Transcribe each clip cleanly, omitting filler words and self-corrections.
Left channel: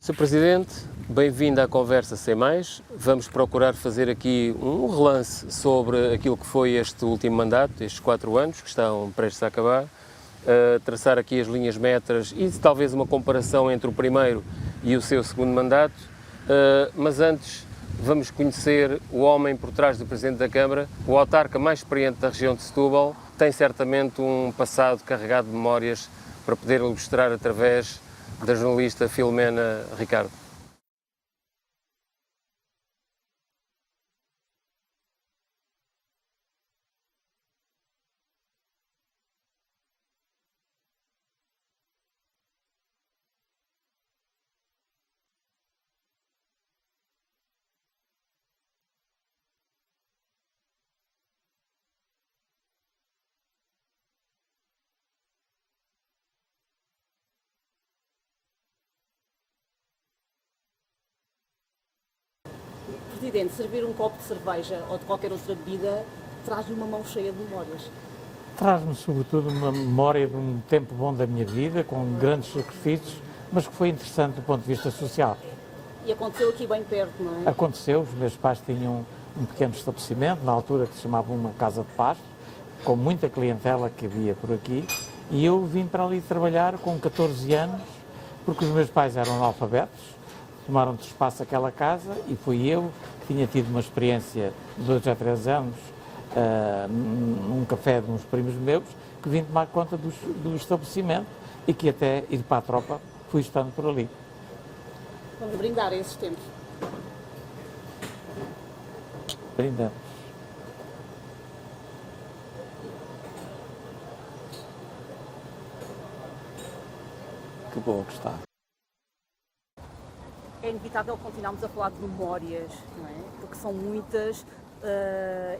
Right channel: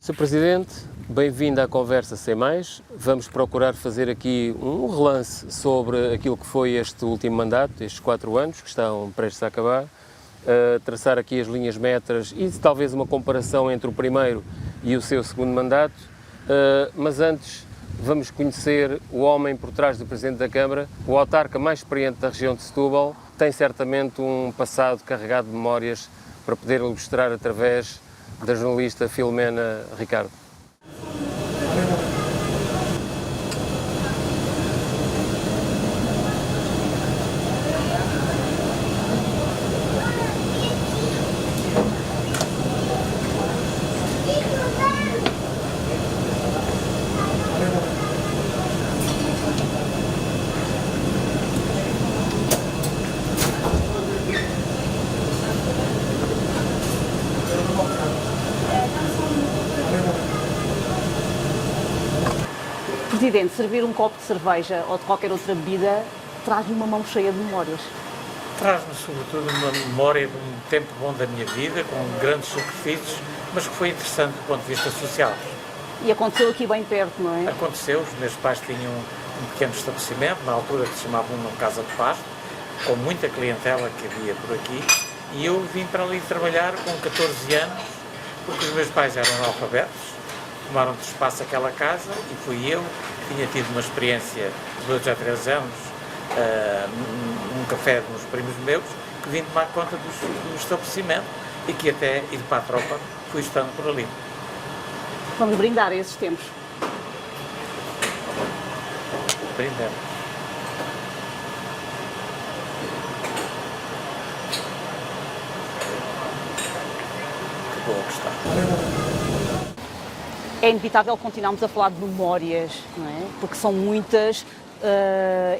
Sr. Presidente, bem-vindo à Conversa Sem Mais. Vamos procurar fazer aqui um relance sobre aquilo que foi este último mandato, estes 4 anos que estão prestes a acabar, traçar aqui as linhas metras e talvez uma comparação entre o primeiro e o seu segundo mandato, mas antes vamos conhecer o homem por trás do Presidente da Câmara, o autarca mais experiente da região de Setúbal, tem certamente um passado carregado de memórias para poder ilustrar através da jornalista Filomena Ricardo. Presidente, servir um copo de cerveja ou de qualquer outra bebida traz-lhe uma mão cheia de memórias. Traz-me, sobretudo, uma memória de um tempo bom da minha vida, com grandes sacrifícios, mas que foi interessante do ponto de vista social. E aconteceu aqui bem perto, não é? Aconteceu, os meus pais tinham um pequeno estabelecimento, na altura que se chamava uma Casa de Pasto, com muita clientela que havia por aqui, e eu vim para ali trabalhar com 14 anos, porque os meus pais eram analfabetos, tomaram de espaço aquela casa e fui eu, que tinha tido uma experiência de 2 a 3 anos num café de uns primos meus, que vim tomar conta do estabelecimento e que até ir para a tropa fui estando por ali. Vamos brindar a esses tempos. Brindando. Que boa que está. É inevitável continuarmos a falar de memórias, não é? Porque são muitas,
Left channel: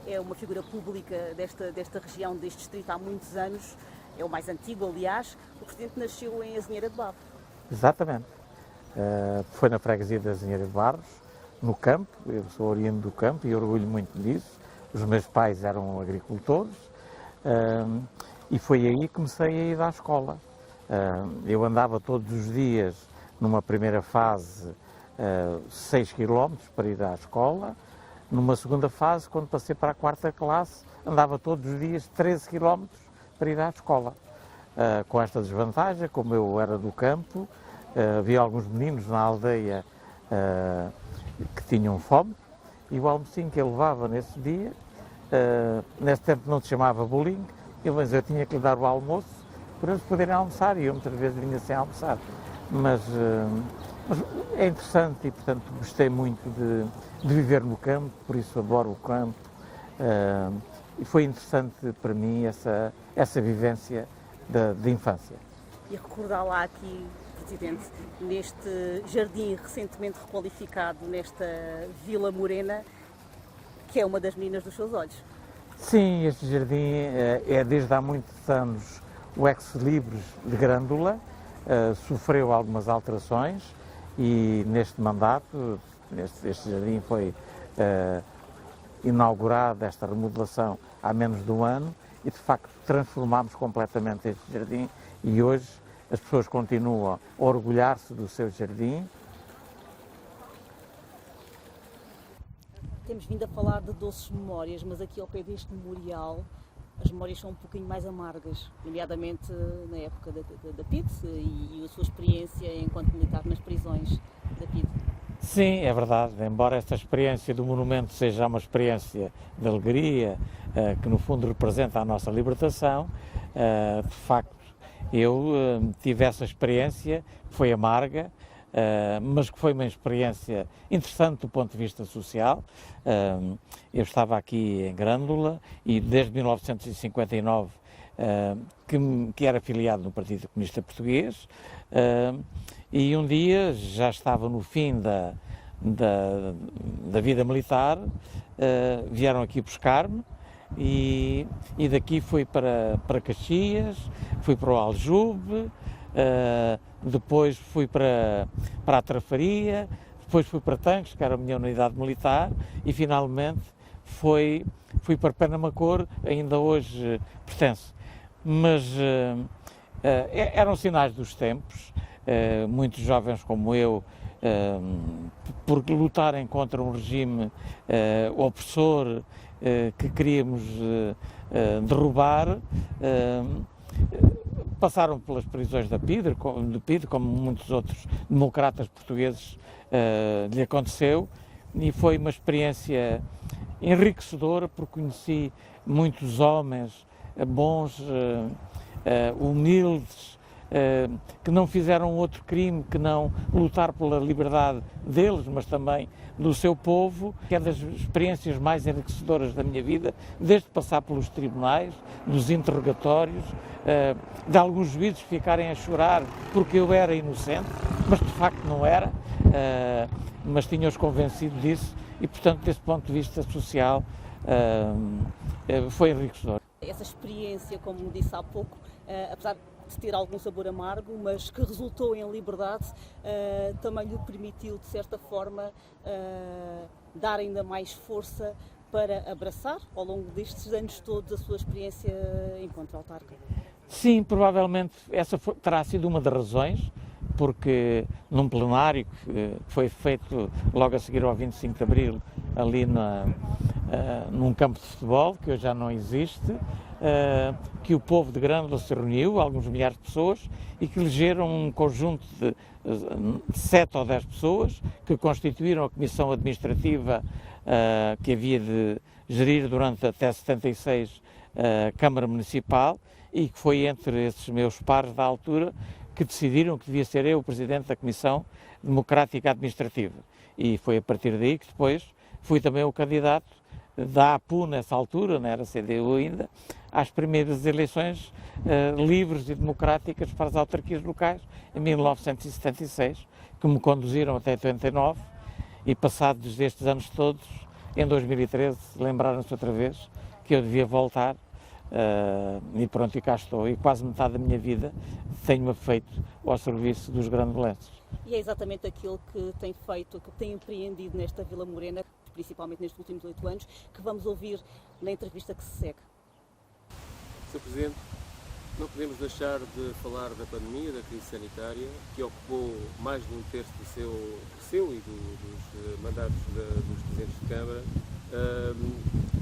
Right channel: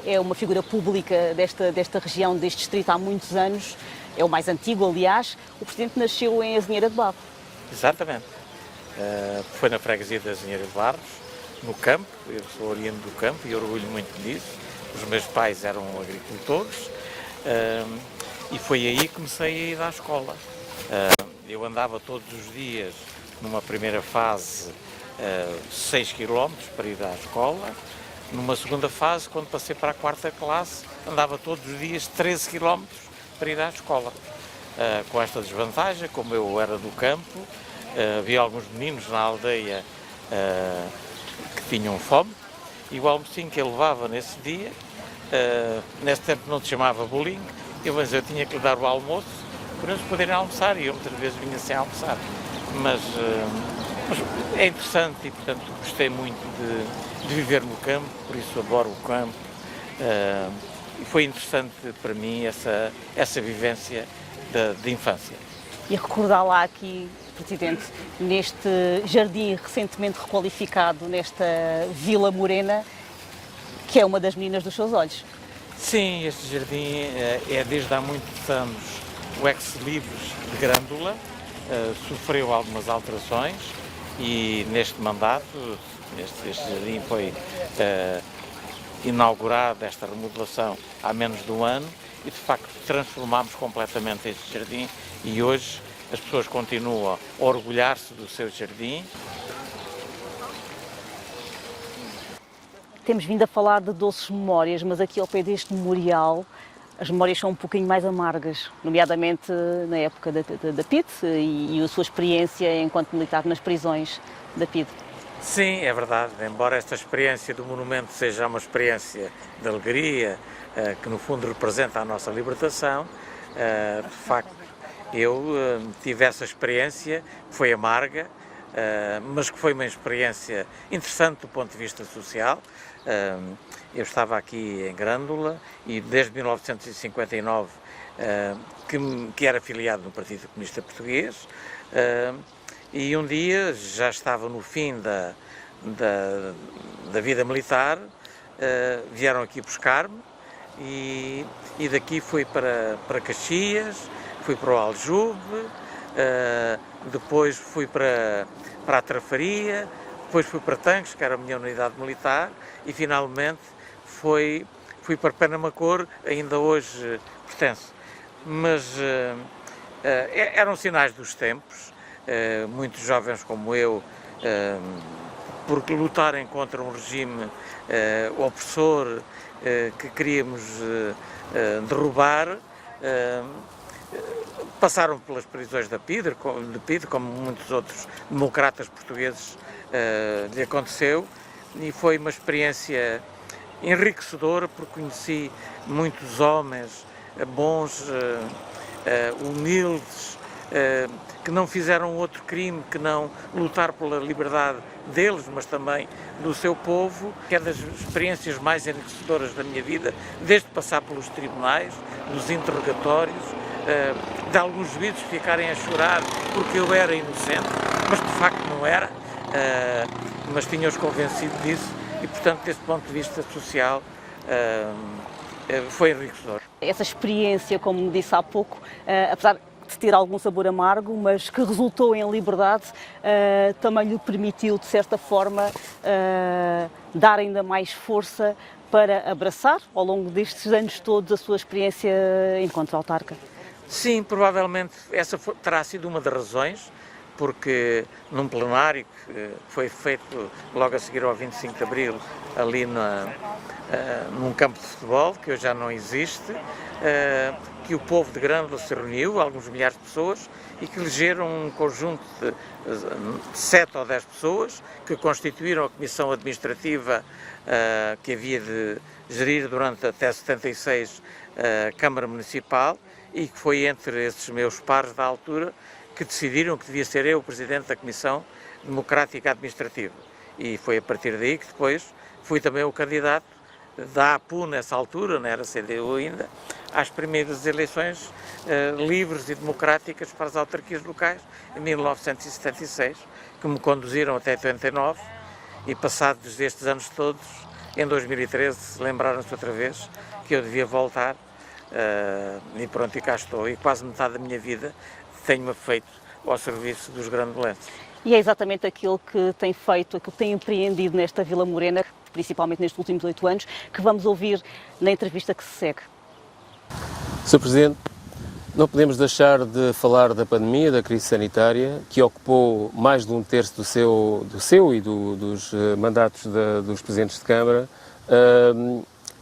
é uma figura pública desta região, deste distrito há muitos anos, é o mais antigo, aliás. O Presidente nasceu em Azinheira de Barros. Exatamente. Foi na freguesia da Azinheira de Barros, no campo. Eu sou oriundo do campo e orgulho muito disso. Os meus pais eram agricultores e foi aí que comecei a ir à escola. Eu andava todos os dias, numa primeira fase, 6 km para ir à escola. Numa segunda fase, quando passei para a 4ª classe, andava todos os dias 13 km para ir à escola. Com esta desvantagem, como eu era do campo, havia alguns meninos na aldeia que tinham fome, e o almocinho que eu levava nesse dia, nesse tempo não se chamava bolinho, mas eu tinha que lhe dar o almoço para eles poderem almoçar, e eu muitas vezes vinha sem almoçar. Mas é interessante e, portanto, gostei muito de viver no campo, por isso adoro o campo. E foi interessante para mim essa vivência de infância. E recordar lá aqui, Presidente, neste jardim recentemente requalificado, nesta Vila Morena, que é uma das meninas dos seus olhos. Sim, este jardim é desde há muitos anos o ex-libris de Grândola. Sofreu algumas alterações e neste mandato, este jardim foi inaugurado, esta remodelação, há menos de um ano, e de facto transformámos completamente este jardim e hoje as pessoas continuam a orgulhar-se do seu jardim. Temos vindo a falar de doces memórias, mas aqui ao pé deste memorial as memórias são um pouquinho mais amargas, nomeadamente na época da PIDE e a sua experiência enquanto militar nas prisões da PIDE. Sim, é verdade, embora esta experiência do monumento seja uma experiência de alegria, que no fundo representa a nossa libertação, de facto eu tive essa experiência, que foi amarga, mas que foi uma experiência interessante do ponto de vista social. Eu estava aqui em Grândola e desde 1959 que era afiliado no Partido Comunista Português, e um dia já estava no fim da vida militar, vieram aqui buscar-me e daqui fui para Caxias, fui para o Aljube, depois fui para a Trafaria, Depois fui para Tancos, que era a minha unidade militar, e finalmente fui para Penamacor, ainda hoje pertenço. Mas eram sinais dos tempos, muitos jovens como eu, por lutarem contra um regime opressor que queríamos derrubar, passaram pelas prisões de PIDE, como muitos outros democratas portugueses lhe aconteceu, e foi uma experiência enriquecedora, porque conheci muitos homens bons, humildes, que não fizeram outro crime que não lutar pela liberdade deles, mas também do seu povo, que é das experiências mais enriquecedoras da minha vida, desde passar pelos tribunais, dos interrogatórios, de alguns juízes ficarem a chorar porque eu era inocente, mas de facto não era, mas tinha-os convencido disso, e portanto, desse ponto de vista social, foi enriquecedor. Essa experiência, como me disse há pouco, apesar de ter algum sabor amargo, mas que resultou em liberdade, também lhe permitiu, de certa forma, dar ainda mais força para abraçar, ao longo destes anos todos, a sua experiência enquanto autarca. Sim, provavelmente essa terá sido uma das razões, porque num plenário que foi feito logo a seguir ao 25 de Abril, ali num campo de futebol, que hoje já não existe, que o povo de Grândola se reuniu, alguns milhares de pessoas, e que elegeram um conjunto de 7 ou 10 pessoas que constituíram a comissão administrativa que havia de gerir durante até 76 a Câmara Municipal, e que foi entre esses meus pares da altura que decidiram que devia ser eu o presidente da Comissão Democrática Administrativa. E foi a partir daí que depois fui também o candidato da APU nessa altura, não era CDU ainda, às primeiras eleições livres e democráticas para as autarquias locais, em 1976, que me conduziram até 89, e passados estes anos todos, em 2013, lembraram-se outra vez que eu devia voltar, e pronto, e cá estou, e quase metade da minha vida tenho-me feito ao serviço dos grandolenses. E é exatamente aquilo que tem feito, aquilo que tem empreendido nesta Vila Morena, principalmente nestes últimos 8 anos, que vamos ouvir na entrevista que se segue. Sr. Presidente, não podemos deixar de falar da pandemia, da crise sanitária, que ocupou mais de um terço do seu e dos mandatos dos Presidentes de Câmara.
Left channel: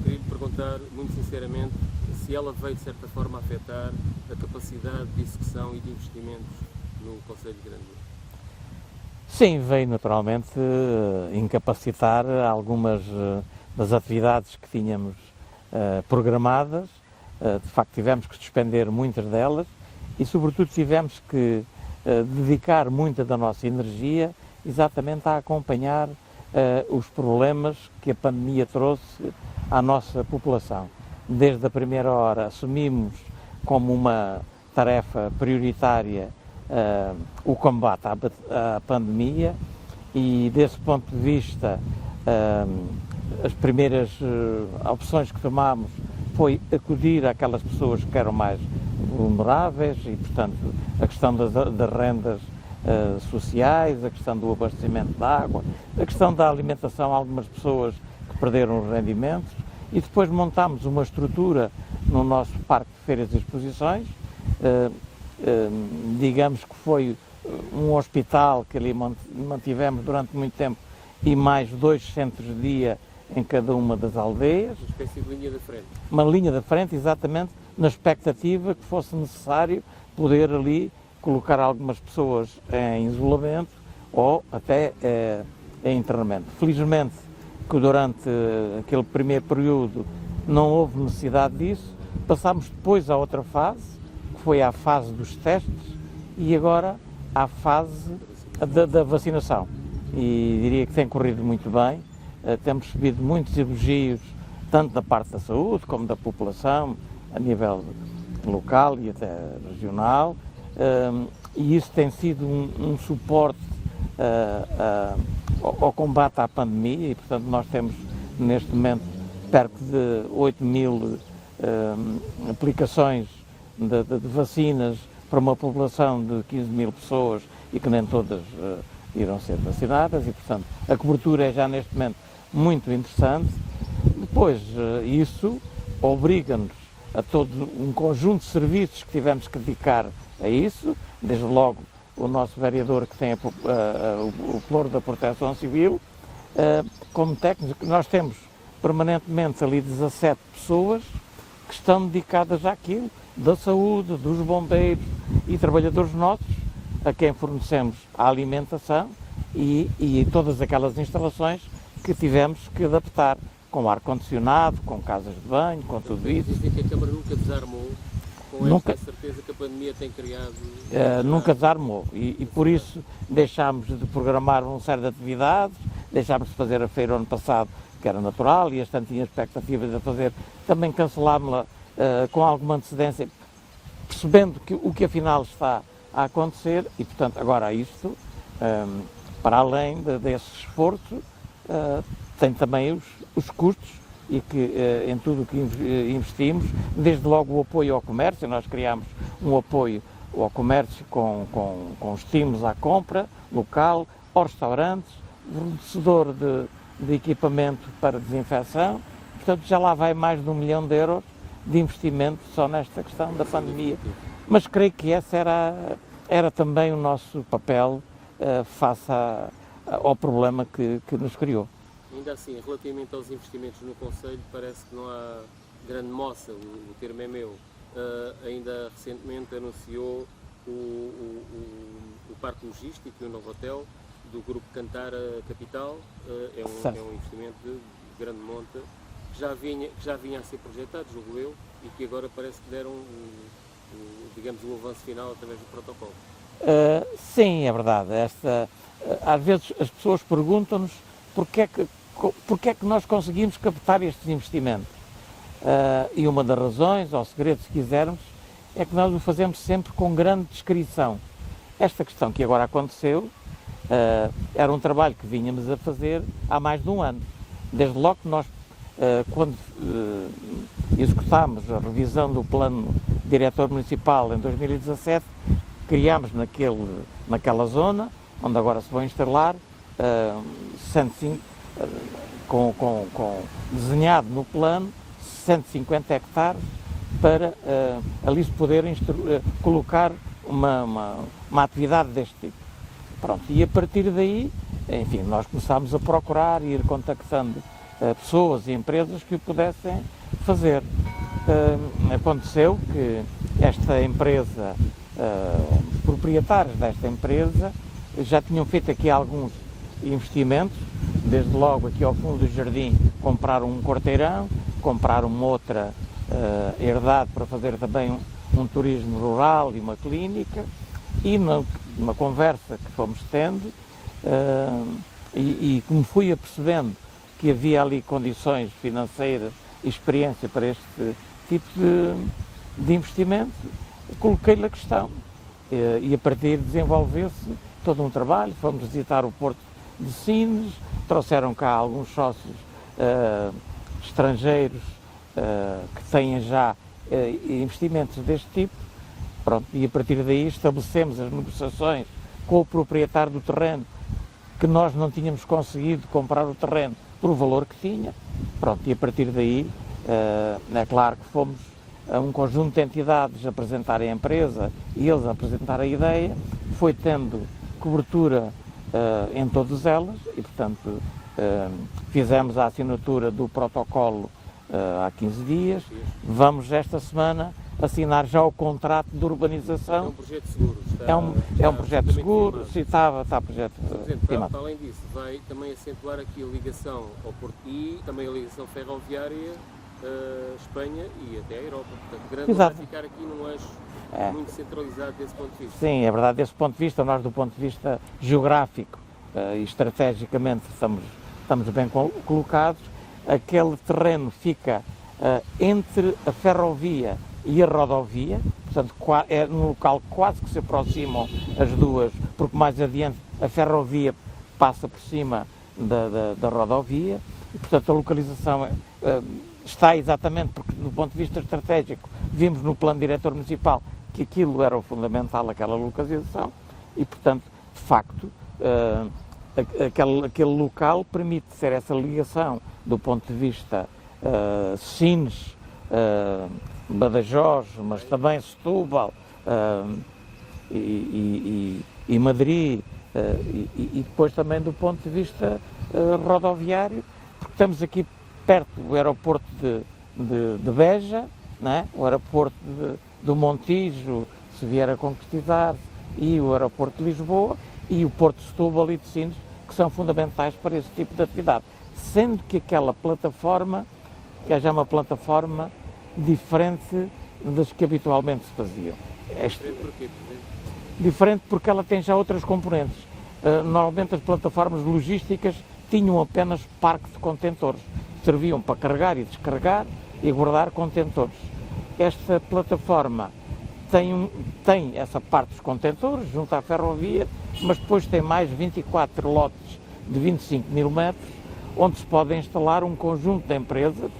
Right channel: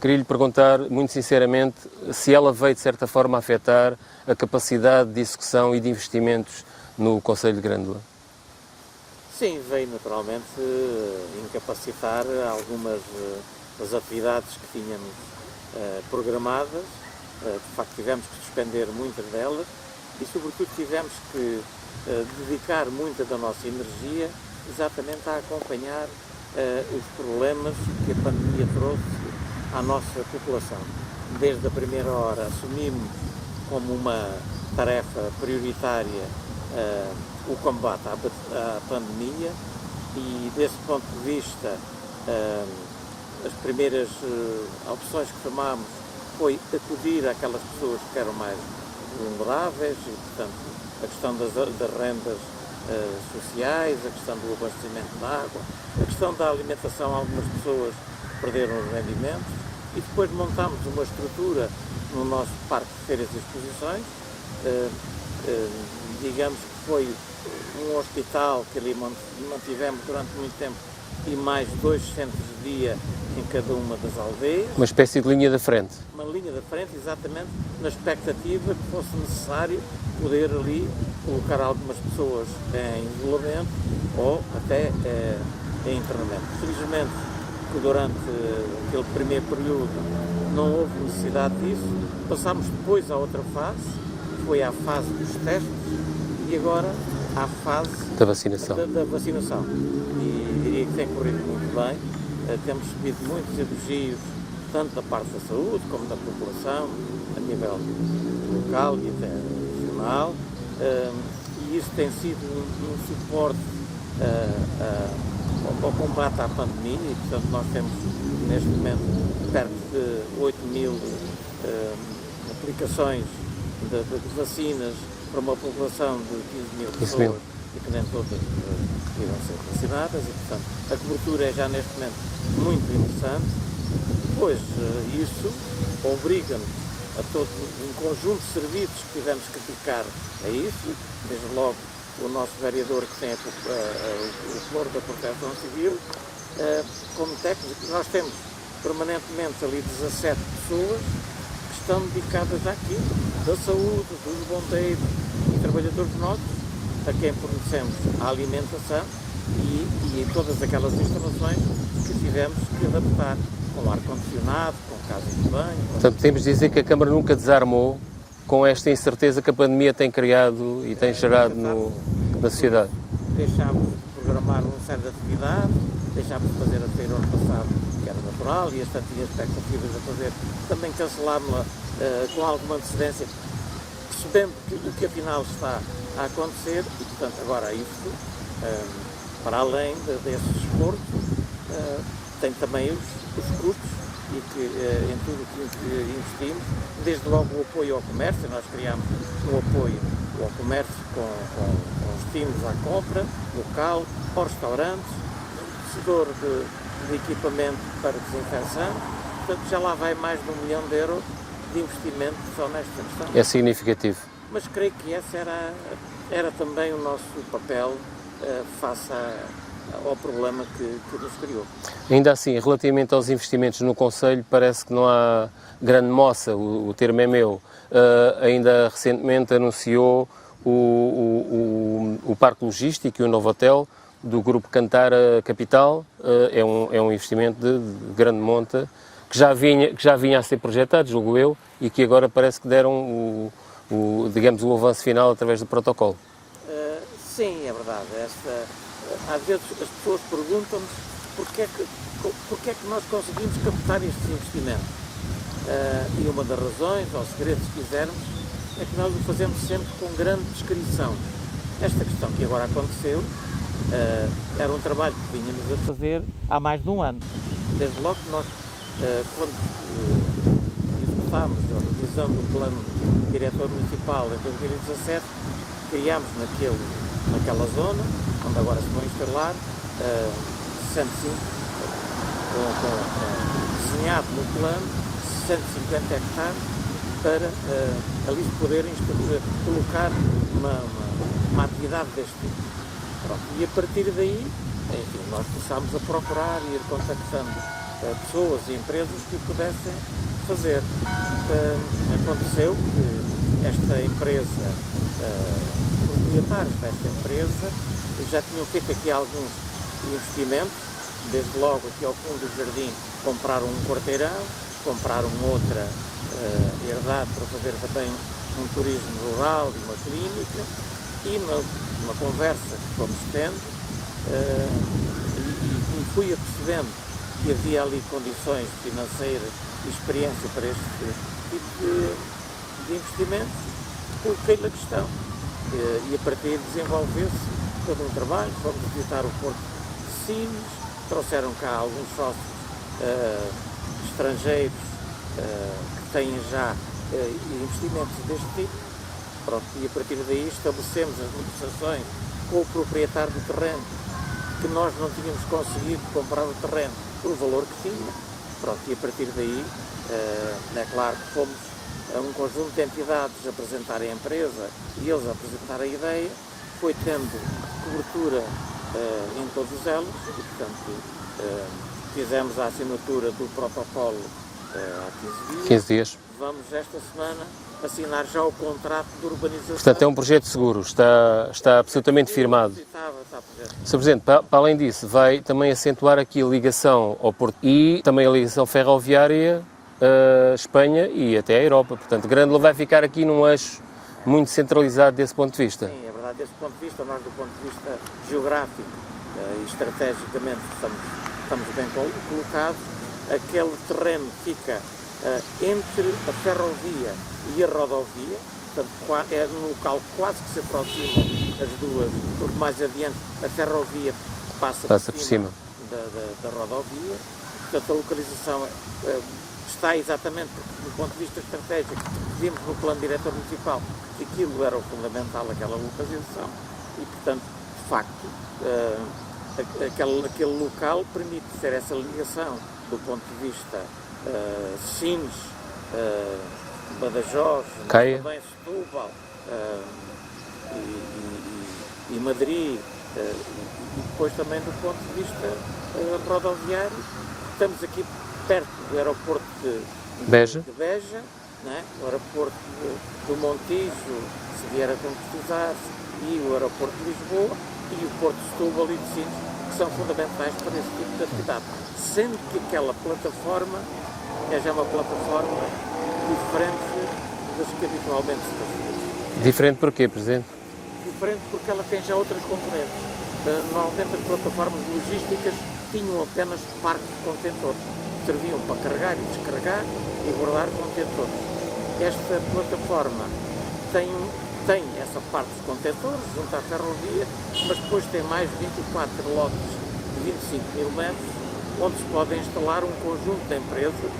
Queria lhe perguntar, muito sinceramente, se ela veio, de certa forma, a afetar a capacidade de execução e de investimentos no Concelho de Grândola. Sim, veio naturalmente incapacitar algumas das atividades que tínhamos programadas. De facto, tivemos que suspender muitas delas e, sobretudo, tivemos que dedicar muita da nossa energia exatamente a acompanhar os problemas que a pandemia trouxe à nossa população. Desde a primeira hora assumimos como uma tarefa prioritária o combate à pandemia, e desse ponto de vista as primeiras opções que tomámos foi acudir àquelas pessoas que eram mais vulneráveis, e portanto a questão das rendas sociais, a questão do abastecimento de água, a questão da alimentação. Algumas pessoas perderam os rendimentos, e depois montámos uma estrutura no nosso parque de feiras e exposições, digamos que foi um hospital que ali mantivemos durante muito tempo, e mais 2 centros de dia em cada uma das aldeias. Uma espécie de linha da frente. Uma linha da frente, exatamente, na expectativa que fosse necessário poder ali colocar algumas pessoas em isolamento ou até em internamento. Felizmente que durante aquele primeiro período não houve necessidade disso. Passámos depois à outra fase, que foi à fase dos testes, e agora à fase da vacinação. E diria que tem corrido muito bem. Temos recebido muitos elogios, tanto da parte da saúde como da população, a nível local e até regional, e isso tem sido um suporte ao combate à pandemia, e portanto nós temos neste momento perto de 8.000 aplicações de vacinas para uma população de 15.000 pessoas e que nem todas irão ser vacinadas e, portanto, a cobertura é já neste momento muito interessante. Depois, isso obriga-nos a todo um conjunto de serviços que tivemos que dedicar a isso, desde logo o nosso vereador que tem o pluro da Proteção Civil, como técnicos. Nós temos permanentemente ali 17 pessoas que estão dedicadas àquilo, da saúde, dos bombeiros e trabalhadores nossos, a quem fornecemos a alimentação e todas aquelas instalações que tivemos que adaptar, com ar-condicionado, com casas de banho. Portanto, temos de dizer que a Câmara nunca desarmou com esta incerteza que a pandemia tem criado e tem gerado na sociedade. Por isso, deixámos de programar uma série de atividades, deixámos de fazer a feira ano passado, que era natural, e este ano tinha expectativas de fazer, também cancelámos-la com alguma antecedência, percebendo o que afinal está a acontecer, e portanto agora isto, para além desse esforço, tem também os custos, e que em tudo o que investimos, desde logo o apoio ao comércio. Nós criámos um apoio ao comércio com estímulos à compra local, aos restaurantes, um fornecedor de equipamento para desinfecção. Portanto, já lá vai mais de 1 milhão de euros de investimento só nesta questão. É significativo. Mas creio que esse era também o nosso papel face ao problema que nos criou. Ainda assim, relativamente aos investimentos no Conselho, parece que não há grande moça, o termo é meu. Ainda recentemente anunciou o Parque Logístico e o novo hotel do Grupo Cantar Capital. É um investimento de grande monta, que já vinha a ser projetado, julgo eu, e que agora parece que deram digamos, o avanço final através do protocolo. Sim, é verdade. Às vezes as pessoas perguntam-nos porque é que nós conseguimos captar estes investimentos. E uma das razões, ou segredo, se quisermos, é que nós o fazemos sempre com grande descrição. Esta questão que agora aconteceu era um trabalho que vínhamos a fazer há mais de um ano. Desde logo que nós, quando executámos a revisão do plano diretor municipal em 2017, criámos naquela zona, onde agora se vão instalar, desenhado no plano, 150 hectares para ali se poder colocar uma atividade deste tipo. Pronto, e a partir daí, enfim, nós começámos a procurar e ir contactando pessoas e empresas que o pudessem fazer. Aconteceu que esta empresa, proprietários desta empresa, já tinham feito aqui alguns investimentos, desde logo aqui ao fundo do jardim compraram um quarteirão, compraram outra herdade para fazer também um turismo rural e uma clínica, e numa conversa que fomos tendo, e me fui apercebendo que havia ali condições financeiras e experiência para este tipo de investimento, coloquei-lhe a questão. E a partir de desenvolveu-se todo um trabalho. Fomos visitar o Porto de Sines, trouxeram cá alguns sócios estrangeiros que têm já investimentos deste tipo. Pronto, e a partir daí estabelecemos as negociações com o proprietário do terreno, que nós não tínhamos conseguido comprar o terreno por o valor que tinha. Pronto, e a partir daí, é claro que fomos a um conjunto de entidades apresentarem a empresa e eles apresentar a ideia, foi tendo cobertura em todas elas e, portanto, fizemos a assinatura do protocolo há 15 dias. Vamos esta semana assinar já o contrato de urbanização. Portanto, é um projeto seguro, está absolutamente firmado. Está projeto Sr. Presidente, para além disso, vai também acentuar aqui a ligação ao Porto e também a ligação ferroviária Espanha e até a Europa. Portanto, Grândola vai ficar aqui num eixo muito centralizado desse ponto de vista. Sim, é verdade, desse ponto de vista, nós do ponto de vista geográfico e estrategicamente estamos bem colocados. Aquele terreno fica entre a ferrovia e a rodovia, portanto é num local quase que se aproximam as duas, porque mais adiante a ferrovia passa por cima da rodovia, e portanto a localização está exatamente, porque do ponto de vista estratégico, vimos no plano diretor municipal que aquilo era o fundamental, aquela localização, e portanto facto, aquele local permite ter essa ligação do ponto de vista Sines, Badajoz, mas também Setúbal e Madrid, e depois também do ponto de vista rodoviário. Estamos aqui perto do aeroporto de Beja, não é? O aeroporto do Montijo, se vier a concretizar-se, e o aeroporto de Lisboa, e o porto de Setúbal e de Sines, que são fundamentais para esse tipo de atividade. Sendo que aquela plataforma é já uma plataforma diferente das que habitualmente se fazia. Diferente porquê, Presidente? Diferente porque ela tem já outras componentes. Normalmente as plataformas logísticas tinham apenas parques de contentores. Serviam para carregar e descarregar e guardar contentores. Esta plataforma tem essa parte dos contentores, junto à ferrovia, mas depois tem mais 24 lotes de 25 mil metros, onde se podem instalar um conjunto de empresas,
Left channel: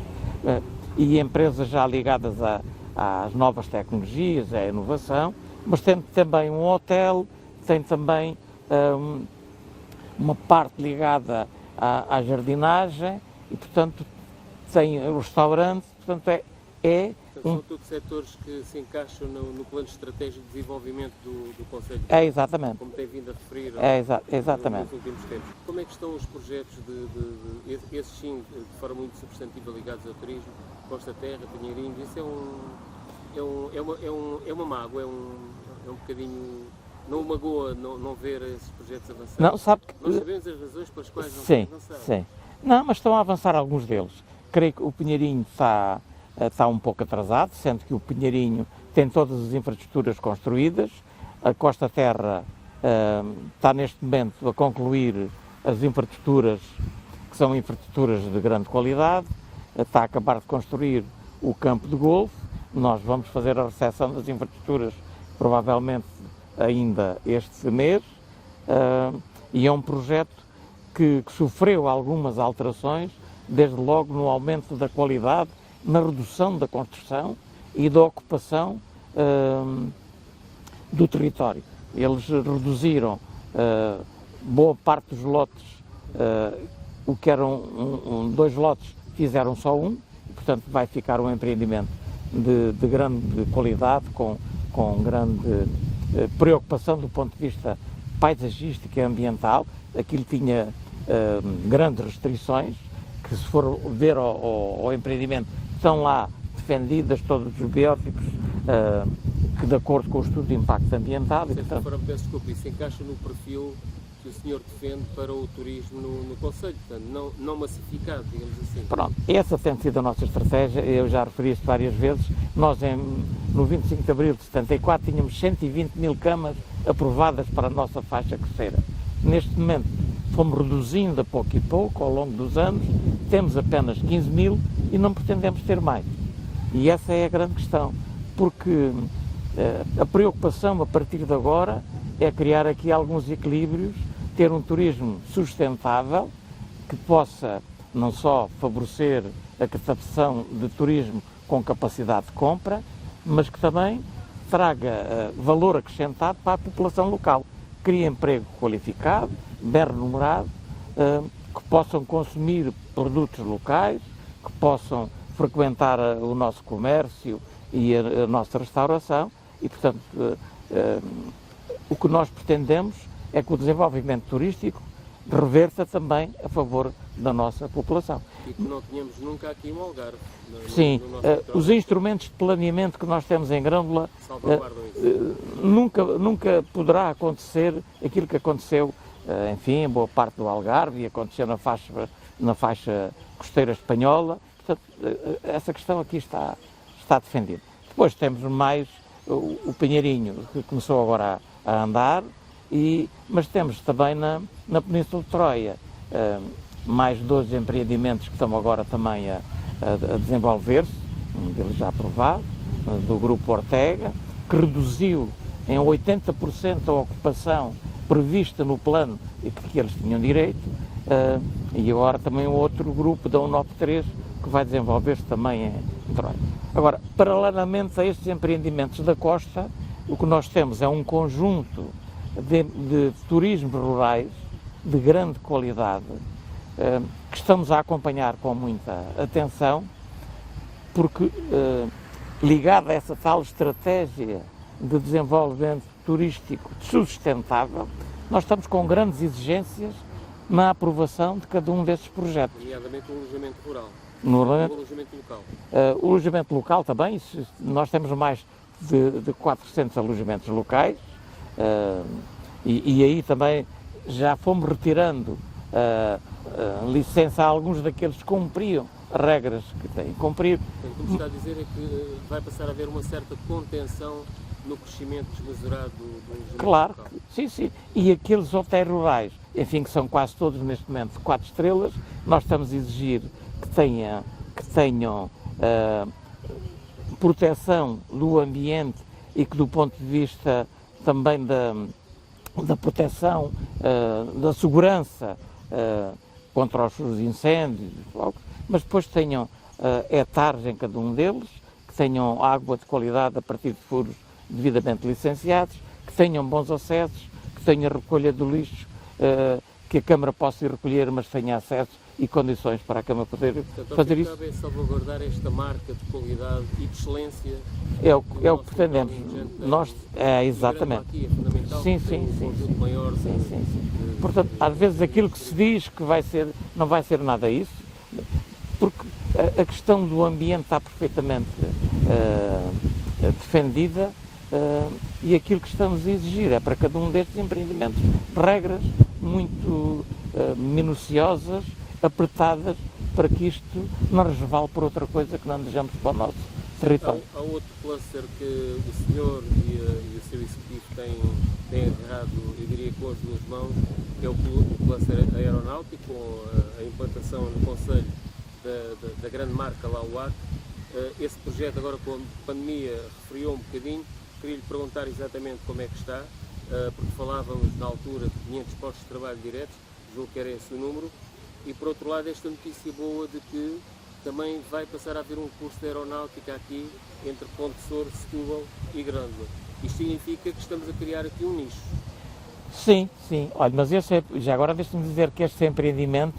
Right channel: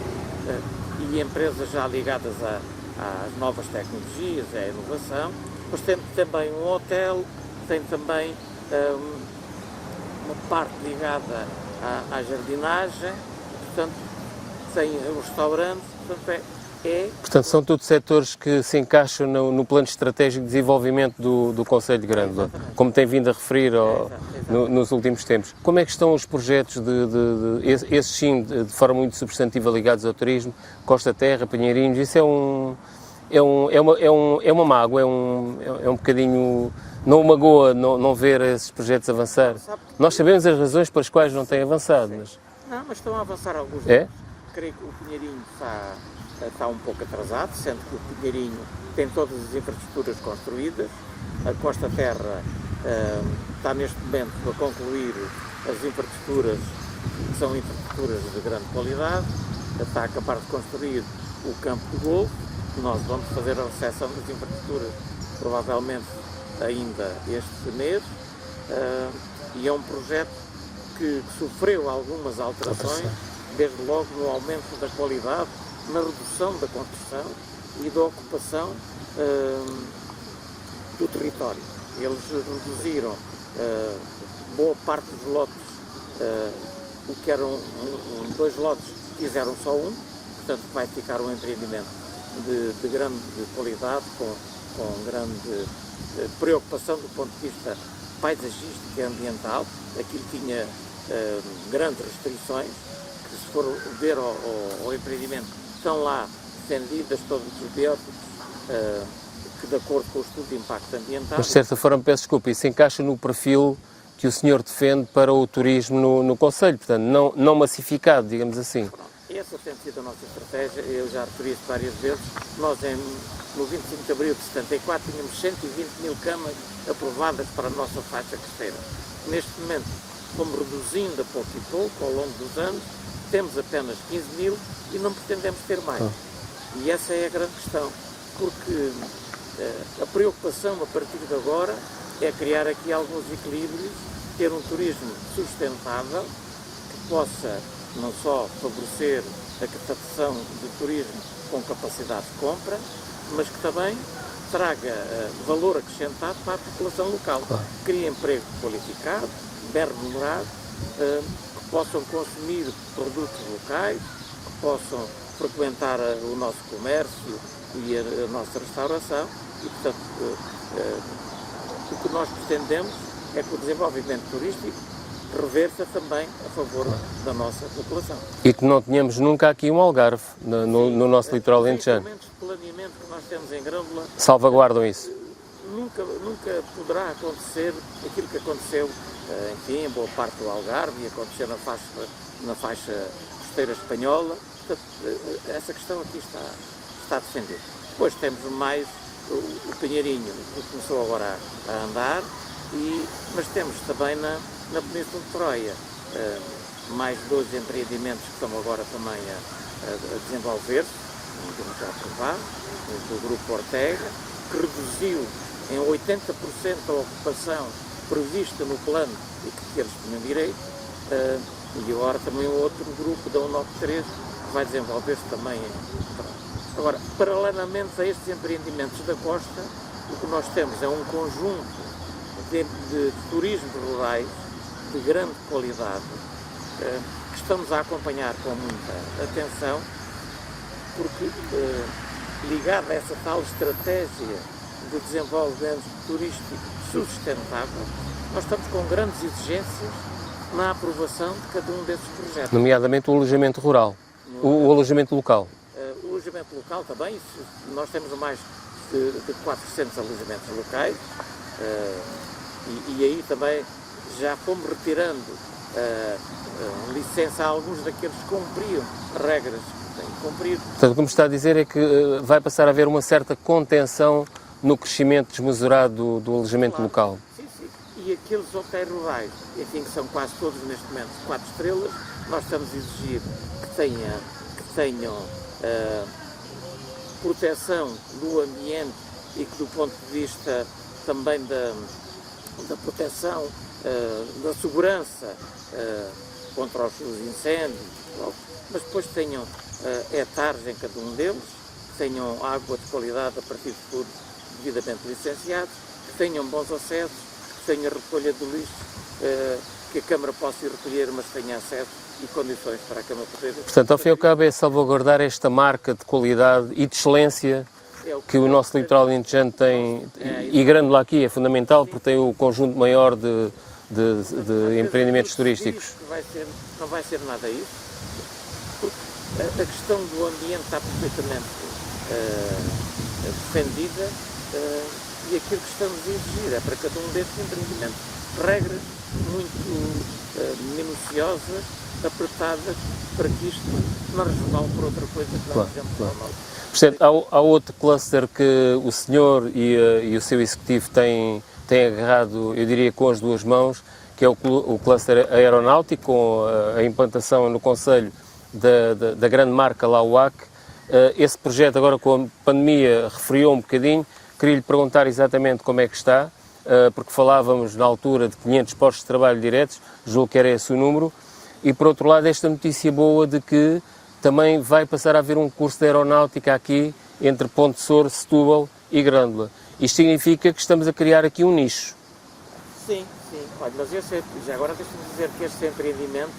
e empresas já ligadas às novas tecnologias, à inovação, mas tem também um hotel, tem também uma parte ligada à jardinagem, e portanto tem o restaurante, portanto Portanto, são todos setores que se encaixam no plano estratégico de desenvolvimento do Concelho de Grande, exatamente. Como tem vindo a referir Exatamente. nos últimos tempos. Como é que estão os projetos, esses sim, de forma muito substantiva ligados ao turismo, Costa Terra, Pinheirinhos? Isso é uma mágoa, é um bocadinho... Não magoa não ver esses projetos avançar? Nós sabemos as razões pelas quais não têm avançado. Mas... Não, mas estão a avançar alguns deles. Creio que o Pinheirinho está um pouco atrasado, sendo que o Pinheirinho tem todas as infraestruturas construídas. A Costa Terra está neste momento a concluir as infraestruturas, que são infraestruturas de grande qualidade. Está a acabar de construir o campo de golfe. Nós vamos fazer a recepção das infraestruturas provavelmente ainda este mês, e é um projeto que sofreu algumas alterações, desde logo no aumento da qualidade, na redução da construção e da ocupação do território. Eles reduziram boa parte dos lotes, o que eram 2 lotes, fizeram só um, portanto vai ficar um empreendimento de grande qualidade, com grande preocupação do ponto de vista paisagístico e ambiental. Aquilo tinha grandes restrições, que se for ver ao empreendimento, estão lá defendidas todos os biótipos que, de acordo com o estudo de impacto ambiental... Mas, de certa forma, peço desculpa, isso encaixa no perfil que o senhor defende para o turismo no Concelho, portanto, não massificado, digamos assim. Pronto, essa tem sido a nossa estratégia, eu já referi isso várias vezes. Nós, no 25 de abril de 74, tínhamos 120 mil camas aprovadas para a nossa faixa costeira. Neste momento, fomos reduzindo a pouco e pouco, ao longo dos anos, temos apenas 15 mil e não pretendemos ter mais. E essa é a grande questão, porque a preocupação a partir de agora é criar aqui alguns equilíbrios, ter um turismo sustentável, que possa não só favorecer a captação de turismo com capacidade de compra, mas que também traga valor acrescentado para a população local. Crie emprego qualificado, bem remunerado, que possam consumir produtos locais, que possam frequentar o nosso comércio e a nossa restauração, e portanto o que nós pretendemos é que o desenvolvimento turístico reverta também a favor da nossa população. E que não tenhamos nunca aqui um Algarve no nosso litoral os alentejano. instrumentos de planeamento que nós temos em Grândola salvaguardam isso. Nunca poderá acontecer aquilo que aconteceu, enfim, em boa parte do Algarve, e aconteceu na faixa costeira espanhola. Portanto, essa questão aqui está defendida. Depois temos mais o Pinheirinho, que começou agora a andar, mas temos também na Península de Troia mais 12 empreendimentos que estão agora também a desenvolver-se, um deles já aprovado, do Grupo Ortega, que reduziu em 80% a ocupação prevista no plano e que eles tinham direito, e agora também outro grupo da 193 que vai desenvolver-se também em Troia. Agora, paralelamente a estes empreendimentos da costa, o que nós temos é um conjunto de turismos rurais de grande qualidade, que estamos a acompanhar com muita atenção, porque ligado a essa tal estratégia de desenvolvimento turístico sustentável, nós estamos com grandes exigências na aprovação de cada um desses projetos. Nomeadamente o alojamento rural, o alojamento local. O alojamento local também, nós temos mais de 400 alojamentos locais, e aí também já fomos retirando licença a alguns daqueles que cumpriam regras que têm que cumprir. Portanto, o que me está a dizer é que vai passar a haver uma certa contenção no crescimento desmesurado do alojamento local. Sim, sim. E aqueles hotéis rurais, enfim, que são quase todos neste momento 4 estrelas, nós estamos a exigir que tenham proteção no ambiente e que do ponto de vista também da proteção, da segurança contra os incêndios, mas depois tenham hectares em cada um deles, que tenham água de qualidade a partir de furos devidamente licenciados, que tenham bons acessos, que tenham recolha de lixo, que a Câmara possa ir recolher, mas tenha acesso e condições para a Câmara poder... Portanto, ao fim e ao cabo é salvaguardar esta marca de qualidade e de excelência que o nosso litoral alentejano tem, e Grândola aqui é fundamental, porque tem o conjunto maior de empreendimentos turísticos. Diz que não vai ser nada isso, porque a questão do ambiente está perfeitamente defendida, e aquilo que estamos a exigir é para cada um destes empreendimentos regras muito minuciosas, apertadas, para que isto não resvale por outra coisa que não vejamos para o nosso. Portanto, há outro cluster que o senhor e o seu executivo têm agarrado, eu diria, com as duas mãos, que é o cluster aeronáutico, com a implantação no Conselho da grande marca Lauac. Esse projeto, agora com a pandemia, refriou um bocadinho. Queria-lhe perguntar exatamente como é que está, porque falávamos na altura de 500 postos de trabalho diretos, julgo que era esse o número, e por outro lado esta notícia boa de que também vai passar a haver um curso de aeronáutica aqui entre Ponte Sor, Setúbal e Grândola. Isto significa que estamos a criar aqui um nicho. Sim, sim. Olha, mas já agora deixa-me dizer que este empreendimento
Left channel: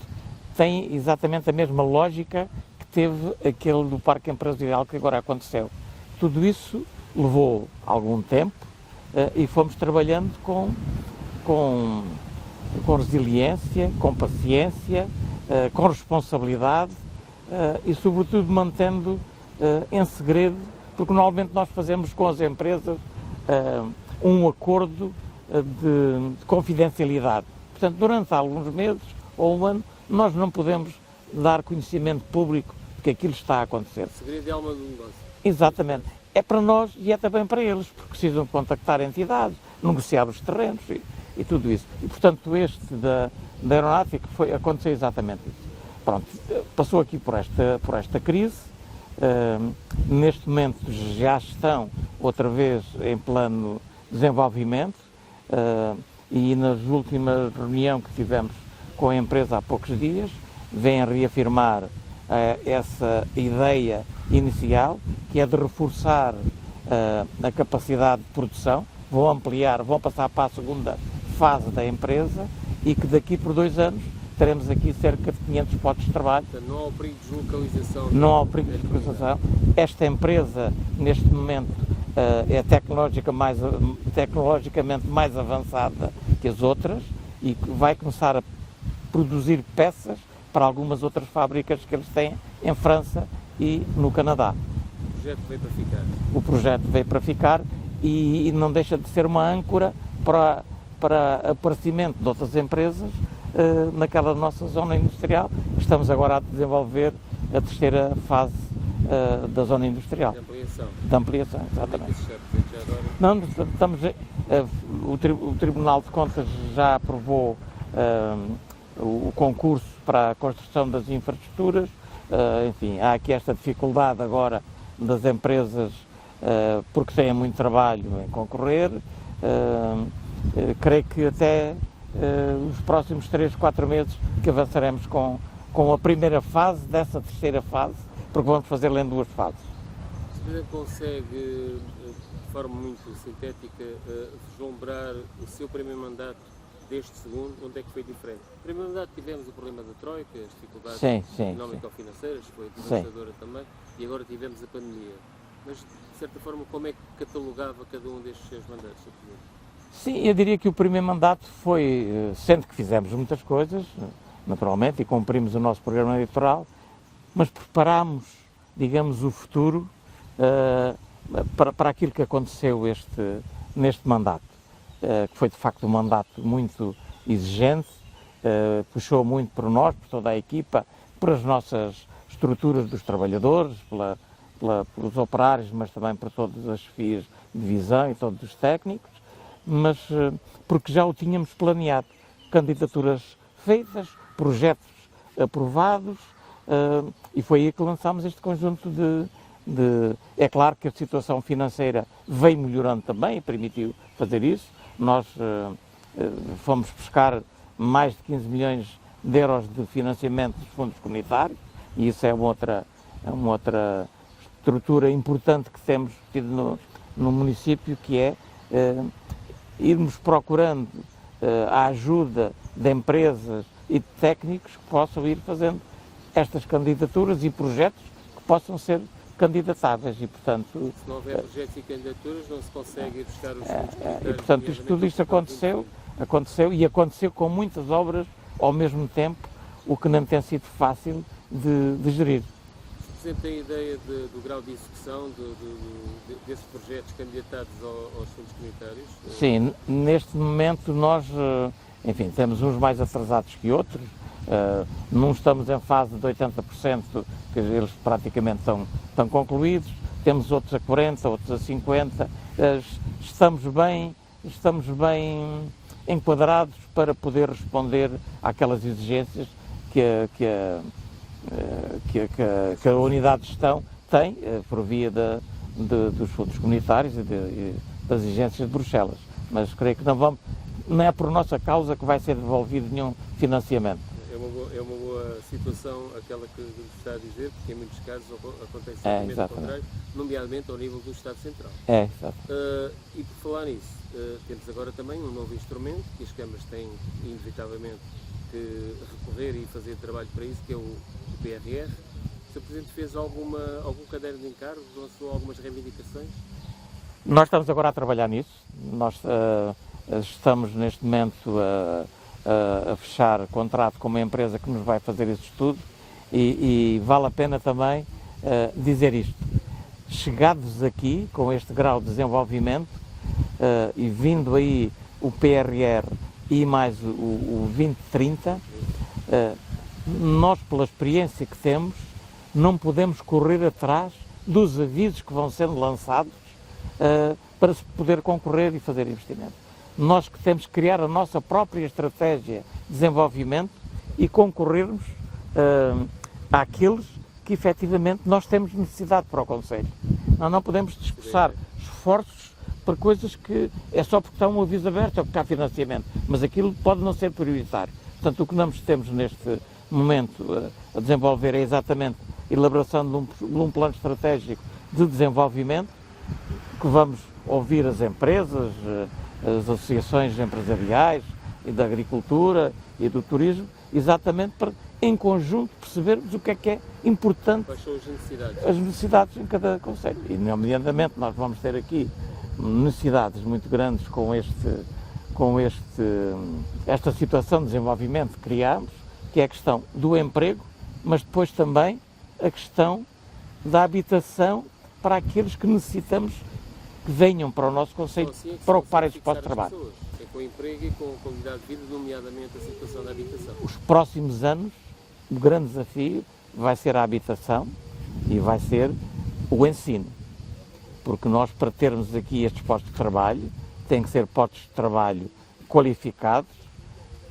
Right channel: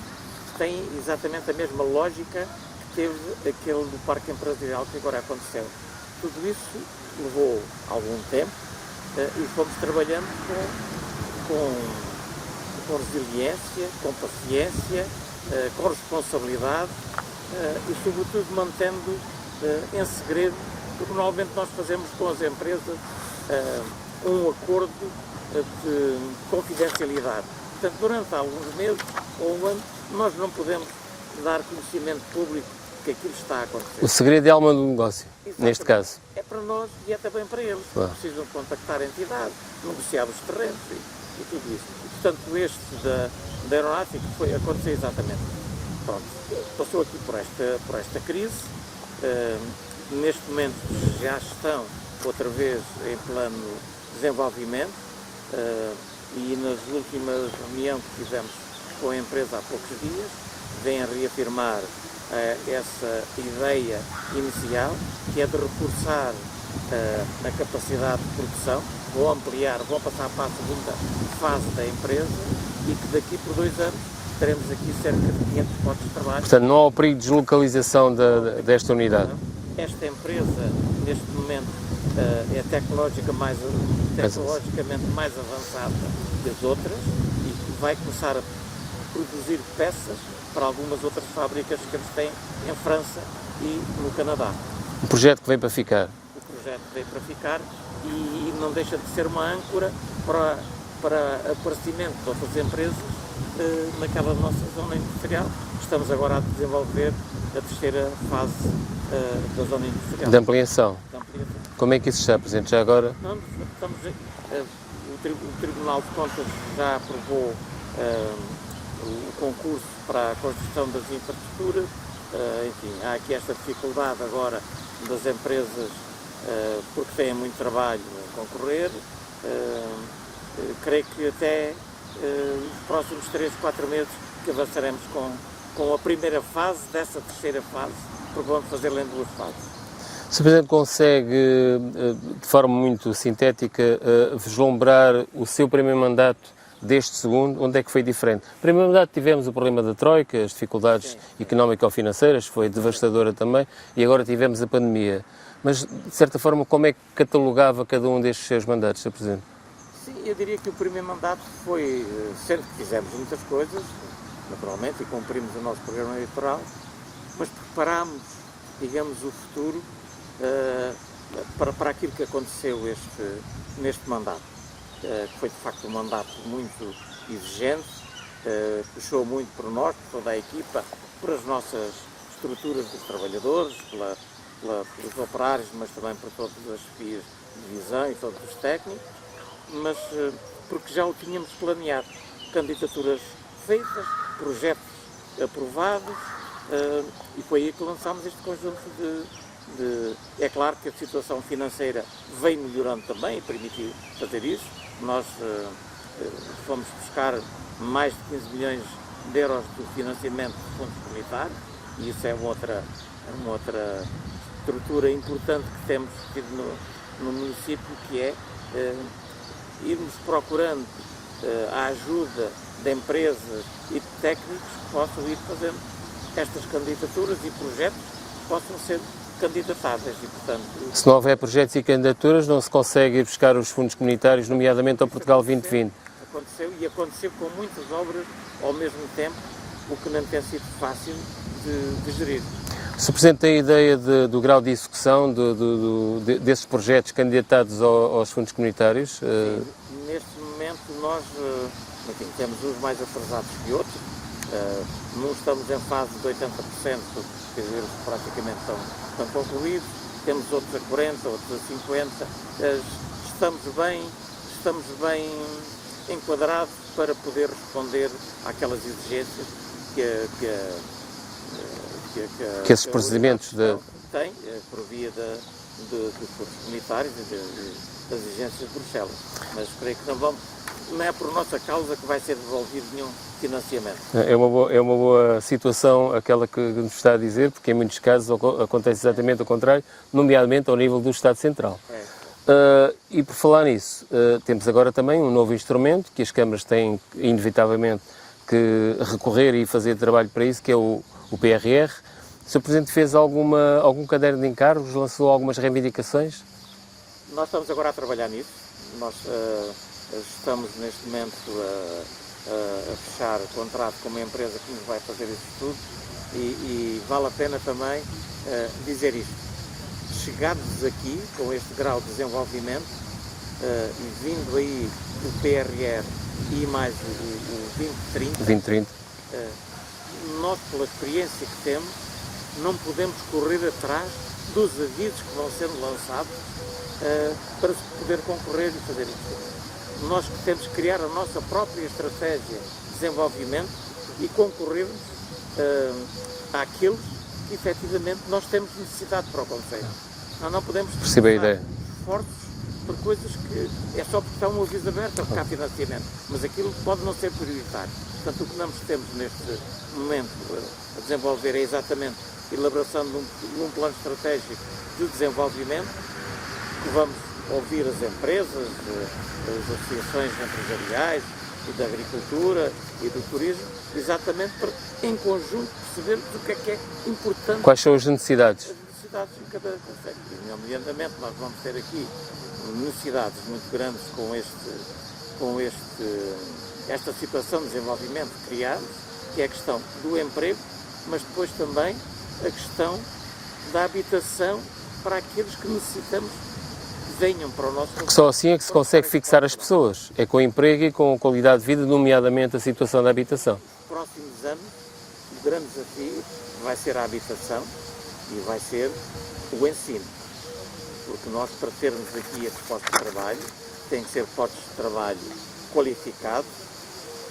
tem exatamente a mesma lógica que teve aquele do Parque Empresarial que agora aconteceu. Tudo isso levou algum tempo e fomos trabalhando com resiliência, com paciência, com responsabilidade e, sobretudo, mantendo em segredo, porque normalmente nós fazemos com as empresas um acordo de confidencialidade. Portanto, durante alguns meses ou um ano, nós não podemos dar conhecimento público que aquilo está a acontecer. O segredo é a alma do negócio, exatamente, neste caso. É para nós e é também para eles. Claro. Precisam contactar a entidade, negociar os terrenos e tudo isso. E, portanto, este da aeronáutica foi acontecer exatamente. Pronto, passou aqui por esta crise. Neste momento já estão outra vez em plano de desenvolvimento e nas últimas reuniões que tivemos com a empresa há poucos dias, vêm reafirmar essa ideia inicial, que é de reforçar a capacidade de produção, vão passar para a segunda fase da empresa e que daqui por 2 anos teremos aqui cerca de 500 postos de trabalho. Portanto, não há o perigo de deslocalização desta unidade. Esta empresa, neste momento, é tecnologicamente mais avançada que as outras e que vai começar a produzir peças para algumas outras fábricas que eles têm em França e no Canadá. Um projeto que veio para ficar. O projeto veio para ficar e não deixa de ser uma âncora para aparecimento de outras empresas naquela nossa zona industrial. Estamos agora a desenvolver a terceira fase da zona industrial. De ampliação. De ampliação. Como é que isso está presente já agora? Não, o Tribunal de Contas já aprovou o concurso para a construção das infraestruturas. Enfim, há aqui esta dificuldade agora das empresas porque têm muito trabalho a concorrer. Creio que até nos próximos 3, 4 meses que avançaremos com a primeira fase dessa terceira fase, porque vamos fazê-la em 2 fases. Sr. Presidente, consegue, de forma muito sintética, vislumbrar o seu primeiro mandato deste segundo? Onde é que foi diferente? No primeiro mandato tivemos o problema da Troika, as dificuldades económico-financeiras, foi devastadora também, e agora tivemos a pandemia. Mas, de certa forma, como é que catalogava cada um destes seus mandatos, Sr. Presidente? Sim, eu diria que o primeiro mandato foi, sendo que fizemos muitas coisas, naturalmente, e cumprimos o nosso programa eleitoral, mas preparámos, digamos, o futuro para aquilo que aconteceu neste mandato. Que foi, de facto, um mandato muito exigente, puxou muito por nós, por toda a equipa, por as nossas estruturas dos trabalhadores, pelos operários, mas também por todas as chefias de divisão e todos os técnicos, mas porque já o tínhamos planeado. Candidaturas feitas, projetos aprovados, e foi aí que lançámos este conjunto É claro que a situação financeira veio melhorando também e permitiu fazer isso. Nós fomos buscar mais de 15 milhões de euros de financiamento de fundos comunitários, e isso é uma outra estrutura importante que temos tido no município, que é irmos procurando a ajuda de empresas e de técnicos que possam ir fazendo estas candidaturas e projetos que possam ser candidatáveis e, portanto... Se não houver projetos e candidaturas, não se consegue ir buscar os fundos comunitários, portanto, nomeadamente ao Portugal 2020. Aconteceu com muitas obras ao mesmo tempo, o que não tem sido fácil de gerir. O Sr. Presidente tem ideia do grau de execução desses projetos candidatados aos fundos comunitários? Sim, neste momento nós, enfim, temos uns mais atrasados que outros. Não estamos em fase de 80%, quer dizer, eles praticamente estão concluídos. Temos outros a 40%, outros a 50%. Estamos bem enquadrados para poder responder àquelas exigências que esses a unidade de gestão tem por via dos fundos comunitários e das exigências de Bruxelas. Mas creio que não é por nossa causa que vai ser devolvido nenhum financiamento. É uma boa situação aquela que nos está a dizer, porque em muitos casos acontece exatamente o contrário, nomeadamente ao nível do Estado Central. E por falar nisso, temos agora também um novo instrumento que as câmaras têm inevitavelmente que recorrer e fazer trabalho para isso, que é o PRR. O Sr. Presidente fez algum caderno de encargos, lançou algumas reivindicações? Nós estamos agora a trabalhar nisso. Nós estamos neste momento a fechar contrato com uma empresa que nos vai fazer esse estudo e vale a pena também dizer isto. Chegados aqui com este grau de desenvolvimento e vindo aí o PRR e mais o 2030, nós, pela experiência que temos, não podemos correr atrás dos avisos que vão sendo lançados para se poder concorrer e fazer investimento. Nós que temos que criar a nossa própria estratégia de desenvolvimento e concorrermos àqueles que efetivamente nós temos necessidade para o Conselho. Nós não podemos esforçar esforços para coisas que é só porque está um aviso aberto ou porque há financiamento, mas aquilo pode não ser prioritário. Portanto, o que nós temos neste momento a desenvolver é exatamente a elaboração de um plano estratégico de desenvolvimento, que vamos ouvir as empresas, as associações empresariais e da agricultura e do turismo, exatamente para, em conjunto, percebermos o que é importante. Quais são as necessidades? As necessidades em cada concelho. E, nomeadamente, nós vamos ter aqui necessidades muito grandes com esta situação de desenvolvimento que criamos, que é a questão do emprego, mas depois também a questão da habitação para aqueles que necessitamos que venham para o nosso concelho. Porque só assim é que se consegue fixar as pessoas, é com emprego e com qualidade de vida, nomeadamente a situação da habitação. Os próximos anos, o grande desafio vai ser a habitação e vai ser o ensino, porque nós, para termos aqui estes postos de trabalho, têm que ser postos de trabalho qualificados,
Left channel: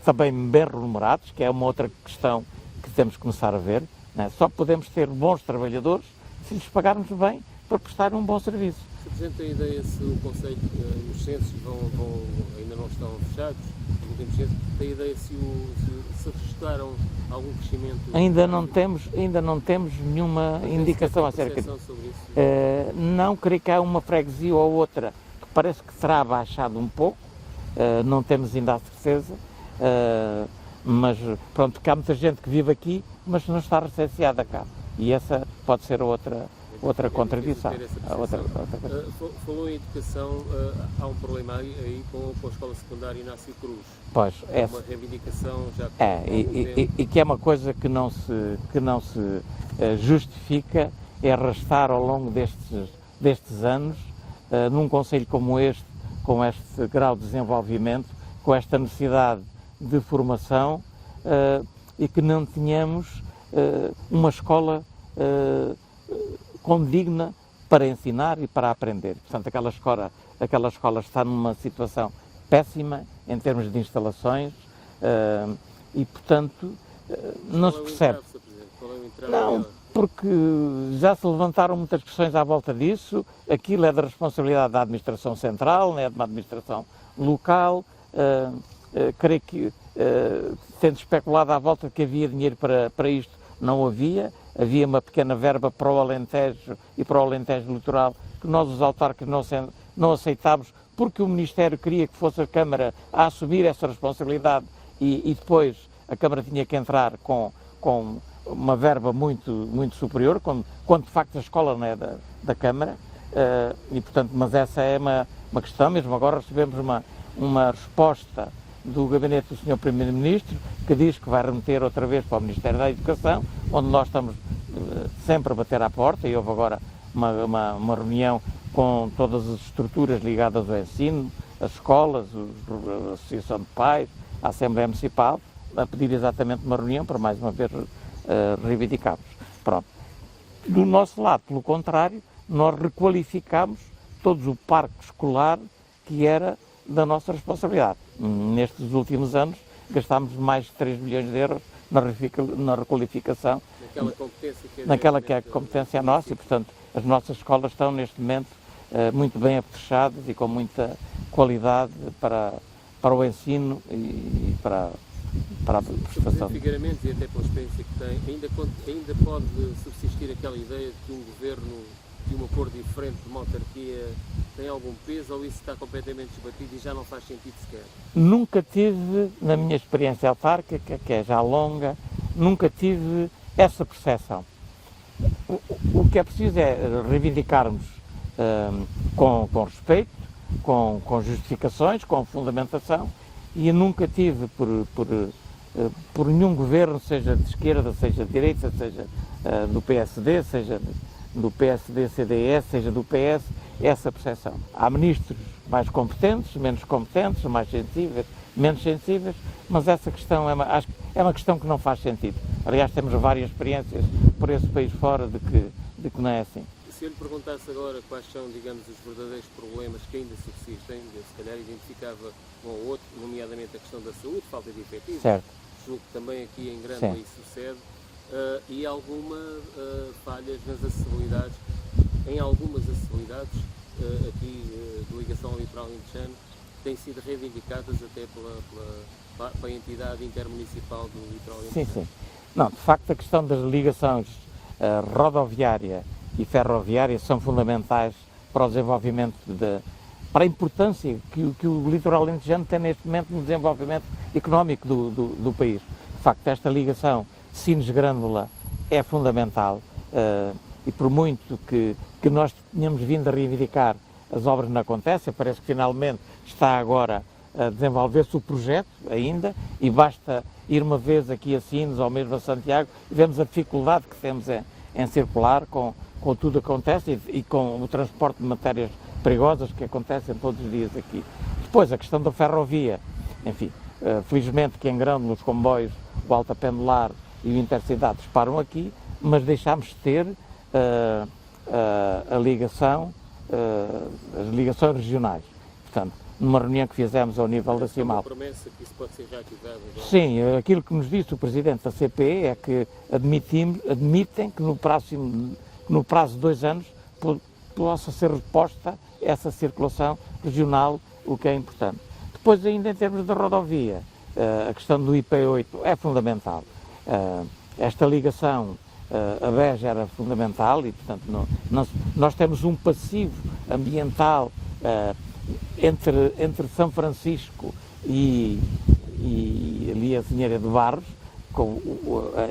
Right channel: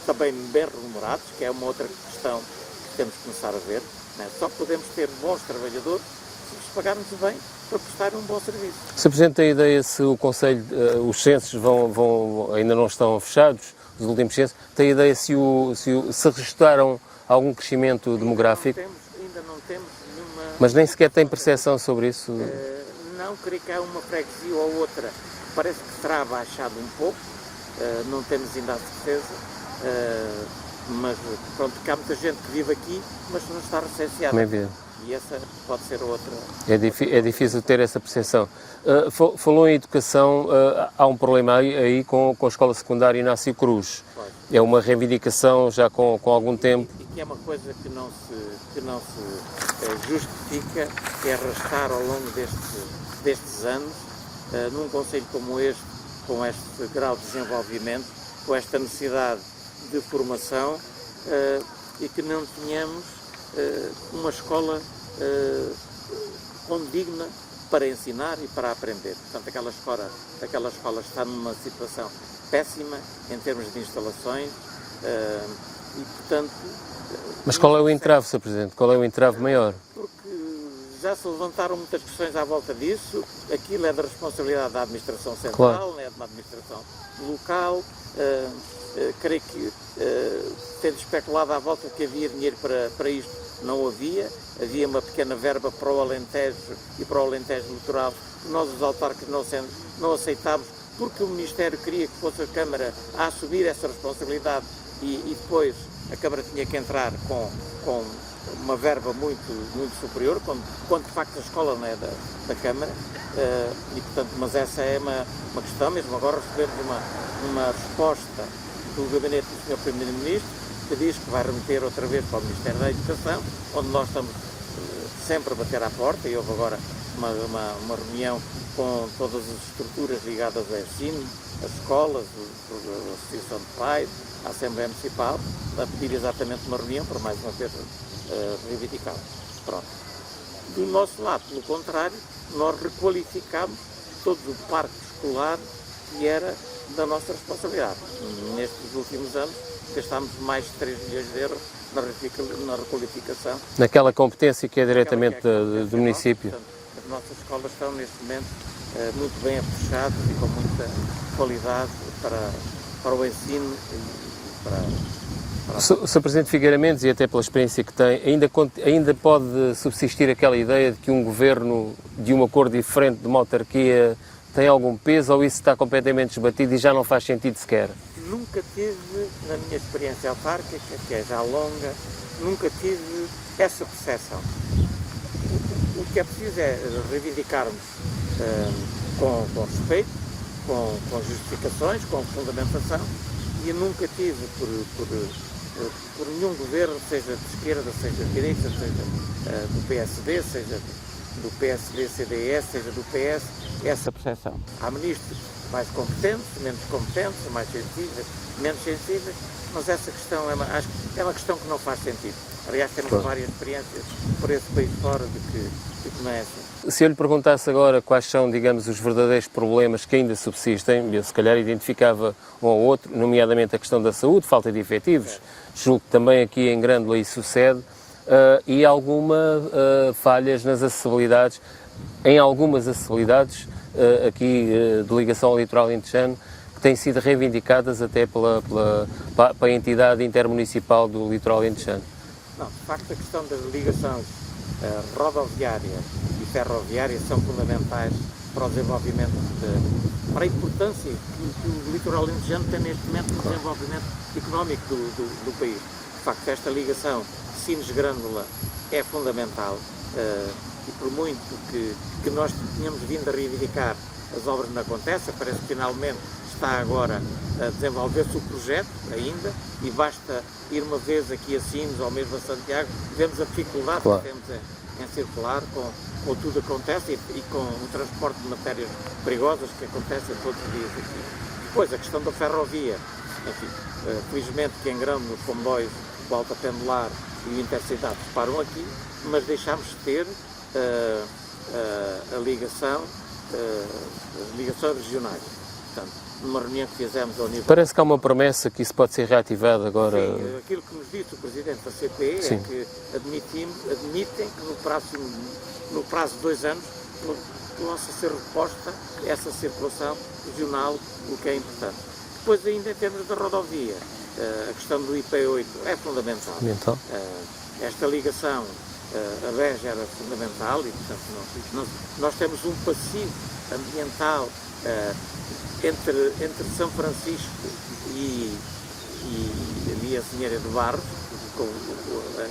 também bem remunerados, que é uma outra questão que temos que começar a ver. Né? Só podemos ter bons trabalhadores se lhes pagarmos bem para prestar um bom serviço. Sr. Presidente, tem ideia se o Conselho, os censos ainda não estão fechados, os últimos censos, tem ideia se registaram algum crescimento Ainda demográfico? ainda não temos nenhuma. Mas nem sequer tem indicação percepção sobre isso? Não, creio que há uma freguesia ou outra que parece que terá baixado um pouco, não temos ainda a certeza, mas pronto, que há muita gente que vive aqui, mas não está recenseada. E essa pode ser outra. É difícil ter essa percepção. Falou em educação, há um problema aí com a escola secundária Inácio Cruz. Pois, é uma reivindicação já com algum tempo. E que é uma coisa que não se justifica, é arrastar ao longo destes anos, num concelho como este, com este grau de desenvolvimento, com esta necessidade de formação, e que não tenhamos uma escola condigna para ensinar e para aprender. Portanto, aquela escola está numa situação péssima em termos de instalações e, portanto... Mas qual é o entrave, Sr. Presidente? Qual é o entrave maior? Porque já se levantaram muitas questões à volta disso. Aquilo é da responsabilidade da administração central, não é de uma administração local. Creio que, tendo especulado à volta que havia dinheiro para isto, não havia. Havia uma pequena verba para o Alentejo e para o Alentejo Litoral, que nós, os autarcas, não aceitámos, porque o Ministério queria que fosse a Câmara a assumir essa responsabilidade e depois a Câmara tinha que entrar com uma verba muito superior, quando de facto a escola não é da Câmara. E, portanto, mas essa é uma questão. Mesmo agora recebemos uma resposta do gabinete do Sr. Primeiro-Ministro, que diz que vai remeter outra vez para o Ministério da Educação, onde nós estamos sempre a bater à porta, e houve agora uma reunião com todas as estruturas ligadas ao ensino, as escolas, a Associação de Pais, a Assembleia Municipal, a pedir exatamente uma reunião para mais uma vez reivindicá-los. Pronto. Do nosso lado, pelo contrário, nós requalificámos todo o parque escolar que era da nossa responsabilidade. Nestes últimos anos gastámos mais de 3 milhões de euros na requalificação. Naquela competência que é diretamente do município. Portanto, as nossas escolas estão neste momento muito bem afechadas e com muita qualidade para o ensino e para a Sr. Presidente Figueira Mendes, e até pela experiência que tem, ainda pode subsistir aquela ideia de que um governo de uma cor diferente de uma autarquia tem algum peso, ou isso está completamente desbatido e já não faz sentido sequer? Nunca tive, na minha experiência autárquica, que é já longa, nunca tive essa percepção. O que é preciso é reivindicarmos com respeito, com justificações, com fundamentação, e eu nunca tive por nenhum governo, seja de esquerda, seja de direita, seja do PSD, seja do PSD-CDS, seja do PS, essa percepção. Há ministros mais competentes, menos competentes, mais sensíveis, menos sensíveis, mas essa questão acho que é uma questão que não faz sentido. Aliás, temos várias experiências por esse país fora de que não é assim. Se eu lhe perguntasse agora quais são, digamos, os verdadeiros problemas que ainda subsistem, eu se calhar identificava um ou outro, nomeadamente a questão da saúde, falta de efetivos, certo. Julgo que também aqui em Grândola isso sucede, e alguma falhas nas acessibilidades, em algumas acessibilidades aqui de ligação ao litoral alentejano, que têm sido reivindicadas até para a entidade intermunicipal do litoral alentejano. Sim. Não, de facto a questão das ligações rodoviárias e ferroviárias são fundamentais para o desenvolvimento, para a importância que o litoral alentejano tem neste momento no desenvolvimento económico do país. De facto, esta ligação Sines-Grândola é fundamental, e por muito que nós tenhamos vindo a reivindicar, as obras não acontecem, parece que finalmente está agora a desenvolver-se o projeto ainda, e basta ir uma vez aqui a Sines ou mesmo a Santiago e vemos a dificuldade que temos em circular com tudo que acontece e com o transporte de matérias perigosas que acontecem todos os dias aqui. Depois, a questão da ferrovia, enfim, felizmente que em Grão nos comboios o Alta Pendular e o Intercidades param aqui, mas deixámos de ter as ligações regionais. Portanto, numa reunião que fizemos ao nível Parece que há nacional. uma promessa que isso pode ser reativado agora. Sim, aquilo que nos disse o Presidente da CPE é que admitem que no prazo de 2 anos possa ser reposta essa circulação regional, o que é importante. Depois, ainda em termos de rodovia, a questão do IP8 é fundamental. Esta ligação a Beja era fundamental e, portanto, nós temos um passivo ambiental entre São Francisco e a Senhora do Barros, com,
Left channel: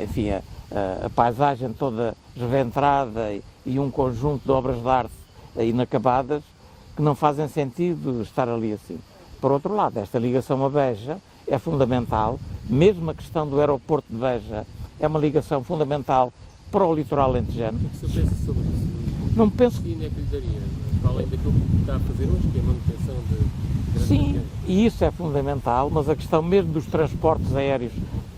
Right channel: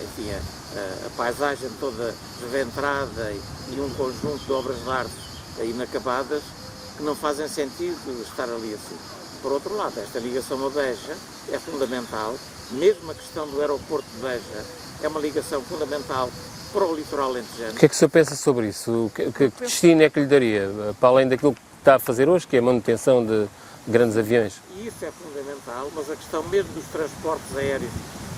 enfim, a paisagem toda desventrada e um conjunto de obras de arte inacabadas que não fazem sentido estar ali assim. Por outro lado, esta ligação a Beja é fundamental, mesmo a questão do aeroporto de Beja é uma ligação fundamental para o litoral alentejano. O que é que o senhor pensa sobre isso? Que destino é que lhe daria, para além daquilo que está a fazer hoje, que é a manutenção de grandes aviões? E isso é fundamental, mas a questão mesmo dos transportes aéreos,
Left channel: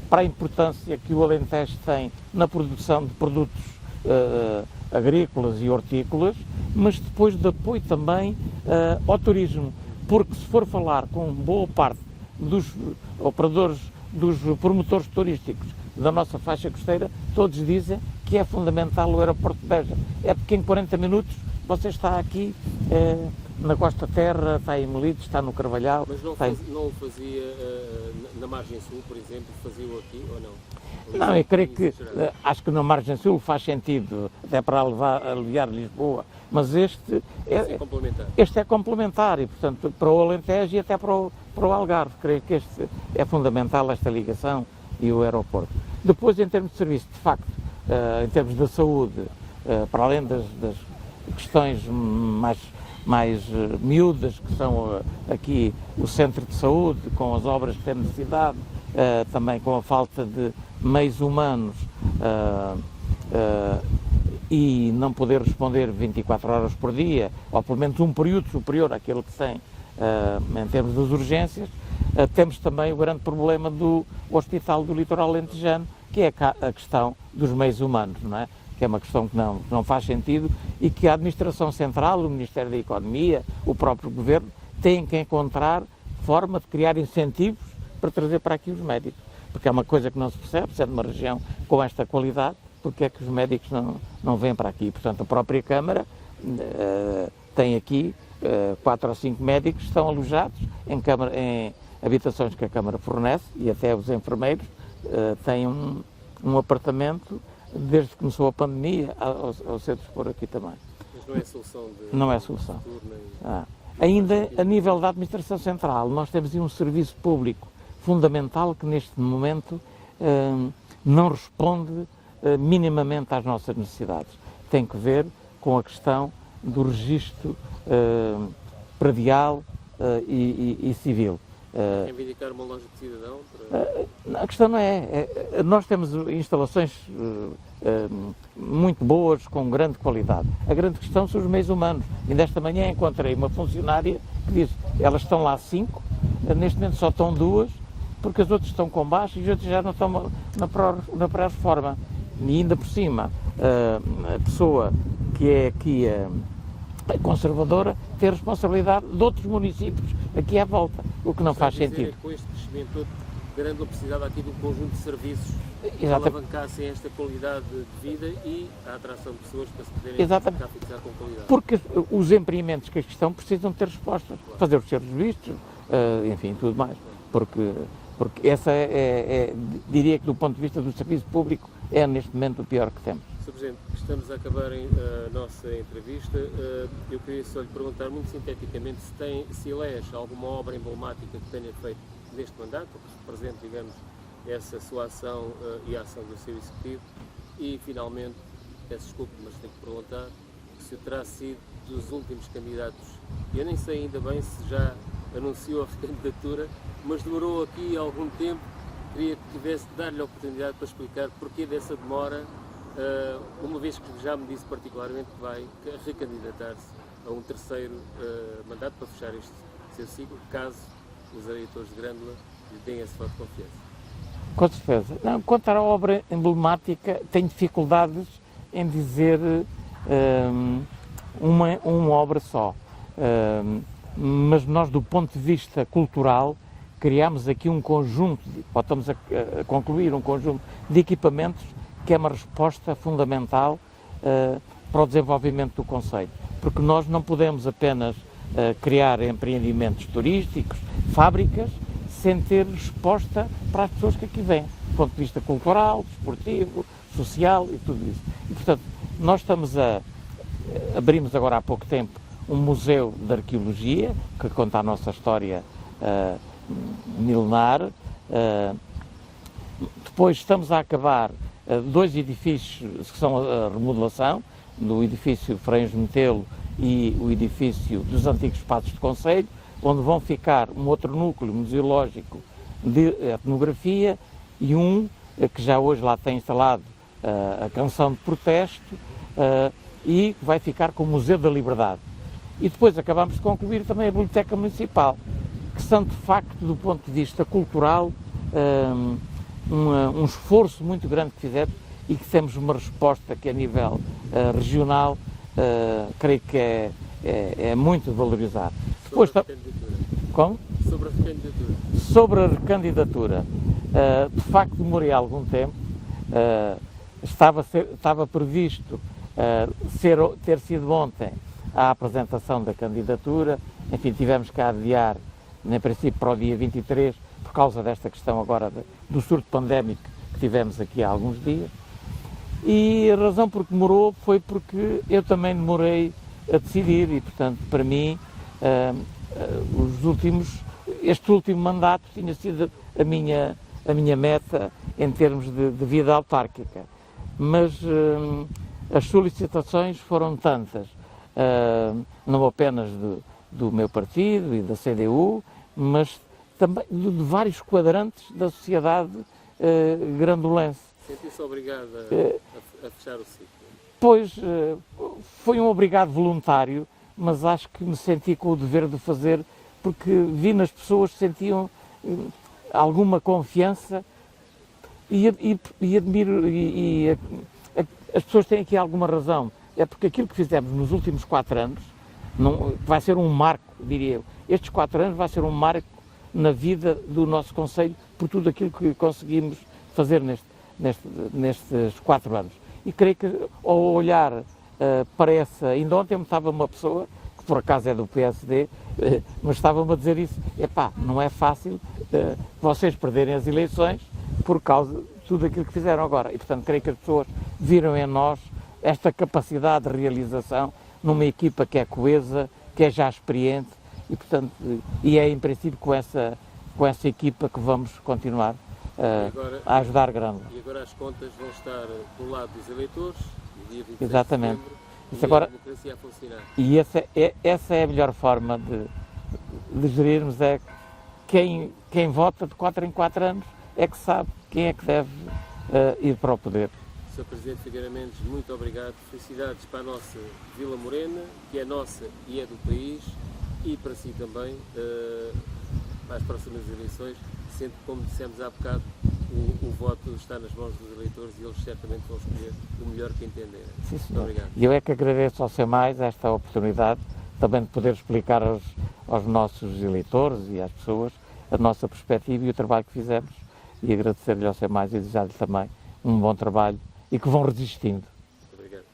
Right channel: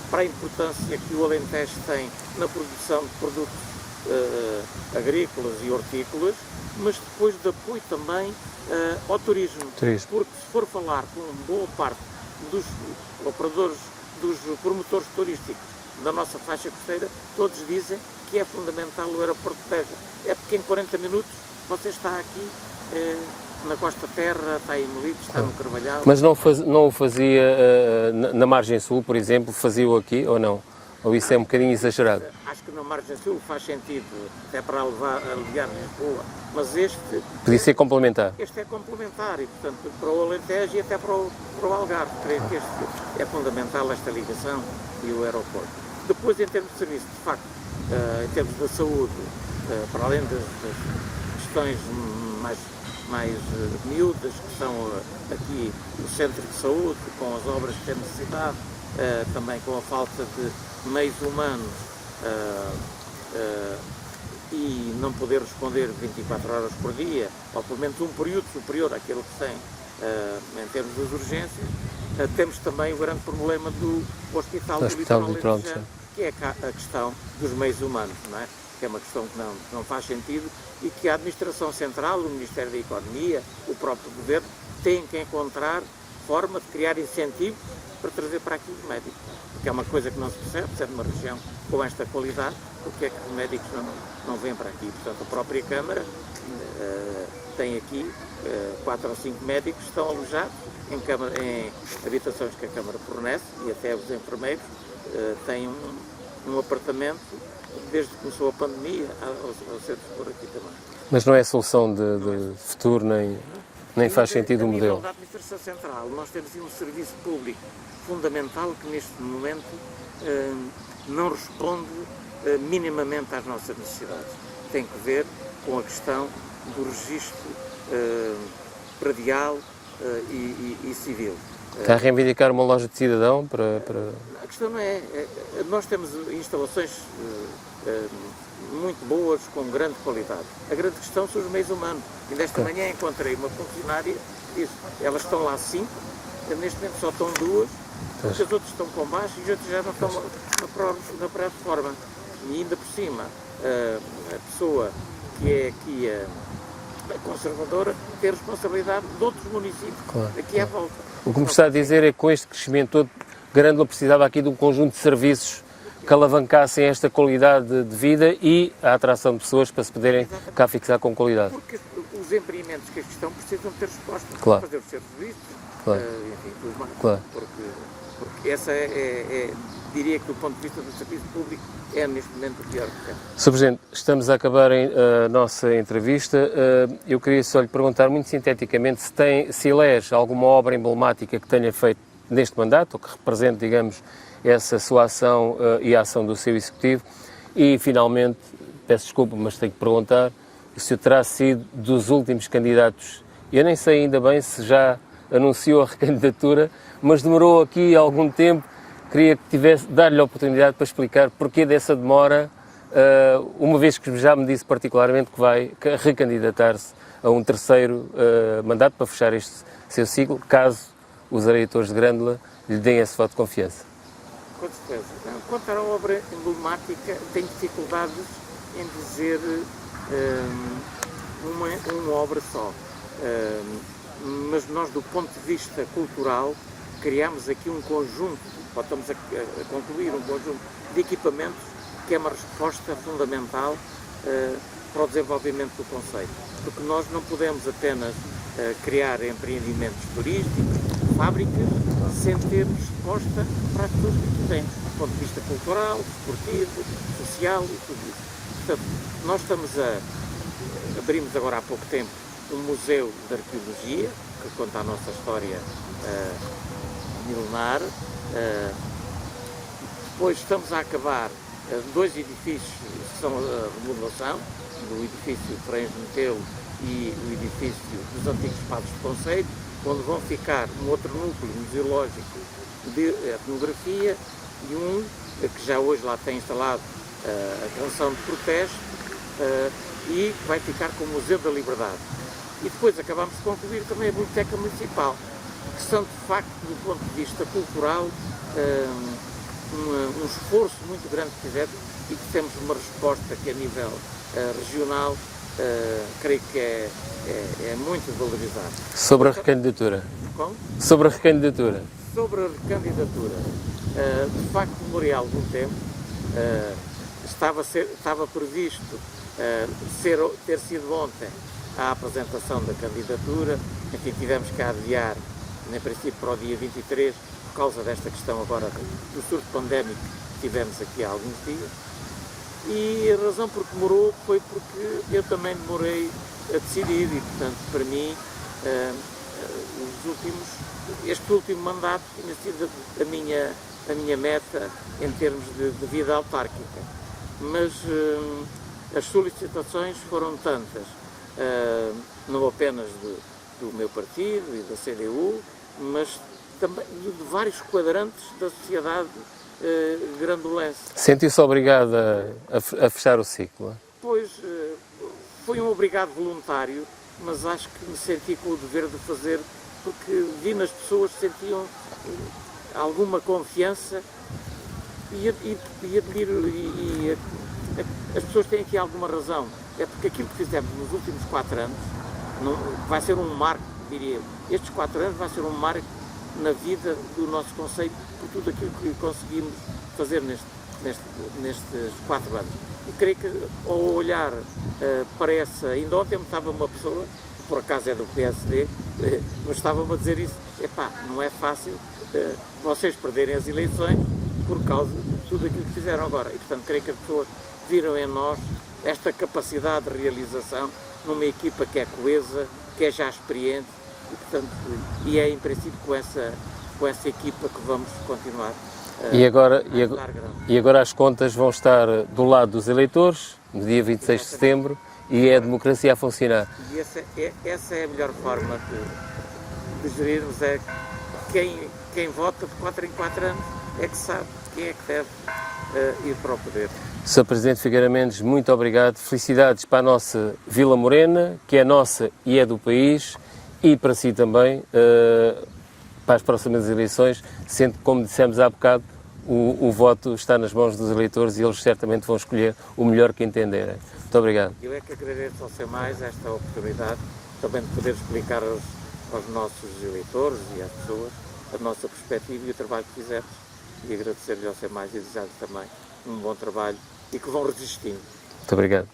para a importância que o Alentejo tem na produção de produtos agrícolas e hortícolas, mas depois de apoio também ao turismo. Porque se for falar com boa parte dos operadores, dos promotores turísticos da nossa faixa costeira, todos dizem que é fundamental o aeroporto de Beja. É porque em 40 minutos você está aqui na Costa Terra, está em Molides, está no Carvalhal. Mas não o fazia na margem sul, por exemplo, fazia-o aqui ou não? Ou isso é um bocadinho exagerado? Acho que na margem sul faz sentido, até para aliviar Lisboa, mas este... Podia ser complementar. Este é complementar e, portanto, para o Alentejo e até para o Algarve. Creio que este é fundamental, esta ligação e o aeroporto. Depois, em termos de serviço, de facto, em termos da saúde, para além das questões mais miúdas, que são aqui o centro de saúde, com as obras que tem necessidade, também com a falta de meios humanos e não poder responder 24 horas por dia, ou pelo menos um período superior àquele que tem em termos das urgências, temos também o grande problema do Hospital do Litoral Alentejano, que é a questão dos meios humanos, não é? Que é uma questão que não faz sentido e que a Administração Central, o Ministério da Economia, o próprio Governo, têm que encontrar forma de criar incentivos para trazer para aqui os médicos. Porque é uma coisa que não se percebe, se é de uma região com esta qualidade, porque é que os médicos não vêm para aqui. Portanto, a própria Câmara tem aqui 4 ou 5 médicos que estão alojados em habitações que a Câmara fornece e até os enfermeiros têm um apartamento desde que começou a pandemia ao ser por aqui também. Mas não é solução de futuro, nem faz sentido. A nível da Administração Central, nós temos um serviço público fundamental que neste momento não responde minimamente às nossas necessidades. Tem que ver com a questão do registro predial e civil. Está a reivindicar uma loja de cidadão para... A questão não nós temos instalações muito boas, com grande qualidade. A grande questão são os meios humanos. E nesta manhã encontrei uma funcionária que disse, elas estão lá 5, neste momento só estão 2, porque as outras estão com baixo e as outras já não estão na pré-reforma. E ainda por cima, a pessoa que é aqui a conservadora tem a responsabilidade de outros municípios, aqui à volta. O que me está a dizer é que com este crescimento todo, Grândola precisava aqui de um conjunto de serviços que alavancassem esta qualidade de vida e a atração de pessoas para se poderem cá fixar com qualidade. Porque os empreendimentos que aqui estão precisam ter resposta, fazer os seus vistos, enfim, tudo mais. Porque essa diria que do ponto de vista do serviço público, é neste momento o pior que temos. Sr. Presidente, estamos a acabar a nossa entrevista. Eu queria só lhe perguntar muito sinteticamente se elege alguma obra emblemática que tenha feito neste mandato, ou que represente, digamos, essa sua ação e a ação do seu Executivo. E, finalmente, peço desculpa, mas tenho que perguntar, se terá sido dos últimos candidatos. Eu nem sei ainda bem se já anunciou a recandidatura, mas demorou aqui algum tempo. Queria que dar-lhe a oportunidade para explicar porquê dessa demora, uma vez que já me disse particularmente que vai recandidatar-se a um terceiro mandato para fechar este seu ciclo, caso os eleitores de Grândola lhe deem esse voto de confiança. Com certeza. Não, quanto à obra emblemática, tenho dificuldades em dizer uma obra só. Mas nós, do ponto de vista cultural, criamos aqui um conjunto, ou estamos a concluir um conjunto de equipamentos que é uma resposta fundamental para o desenvolvimento do concelho. Porque nós não podemos apenas criar empreendimentos turísticos, fábricas, sem ter resposta para as pessoas que aqui vêm, do ponto de vista cultural, desportivo, social e tudo isso. Portanto, nós abrimos agora há pouco tempo um museu de arqueologia, que conta a nossa história milenar. Depois estamos a acabar 2 edifícios que são a remodelação, do edifício de Frães de Metelo e o edifício dos antigos Padres do Concelho, onde vão ficar um outro núcleo museológico de etnografia e que já hoje lá tem instalado a canção de protesto e que vai ficar com o Museu da Liberdade. E depois acabamos de concluir também a Biblioteca Municipal, que são de facto, do ponto de vista cultural, um esforço muito grande que fizemos e que temos uma resposta que a nível regional creio que é muito valorizado. Sobre a recandidatura. Como? Sobre a recandidatura. Sobre a recandidatura, de facto demorei algum tempo, estava previsto ter sido ontem a apresentação da candidatura, enfim, tivemos que adiar, em princípio, para o dia 23, por causa desta questão agora do surto pandémico que tivemos aqui há alguns dias. E a razão por que demorou foi porque eu também demorei a decidir e, portanto, para mim, este último mandato tinha sido a minha meta em termos de vida autárquica. Mas as solicitações foram tantas, não apenas do meu partido e da CDU, mas também de vários quadrantes da sociedade grandolense. Sentiu-se obrigado a fechar o ciclo? Pois, foi um obrigado voluntário, mas acho que me senti com o dever de fazer, porque vi nas pessoas que sentiam alguma confiança e admiro, as pessoas têm aqui alguma razão. É porque aquilo que fizemos nos últimos 4 anos vai ser um marco, diria eu. Estes 4 anos vai ser um marco na vida do nosso concelho por tudo aquilo que conseguimos fazer nestes 4 anos. E creio que ao olhar para ainda ontem me estava uma pessoa, que por acaso é do PSD, mas estava-me a dizer isso, não é fácil vocês perderem as eleições por causa de tudo aquilo que fizeram agora. E portanto creio que as pessoas viram em nós esta capacidade de realização numa equipa que é coesa, que é já experiente e portanto é em princípio com essa equipa que vamos continuar a ajudar grande. E agora as contas vão estar do lado dos eleitores, no dia 26 Exatamente. de setembro, e agora, é a democracia a funcionar. E essa é a melhor forma de gerirmos, quem vota de 4 em 4 anos é que sabe quem é que deve ir para o poder. Sr. Presidente Figueira Mendes, muito obrigado. Felicidades para a nossa Vila Morena, que é nossa e é do país, e para si também, para as próximas eleições, sendo que, como dissemos há bocado, o voto está nas mãos dos eleitores e eles certamente vão escolher o melhor que entenderem. Muito obrigado. E eu é que agradeço ao SEMAIS esta oportunidade também de poder explicar aos nossos eleitores e às pessoas a nossa perspectiva e o trabalho que fizemos, e agradecer-lhe ao SEMAIS e desejar-lhe também um bom trabalho e que vão resistindo. Muito obrigado.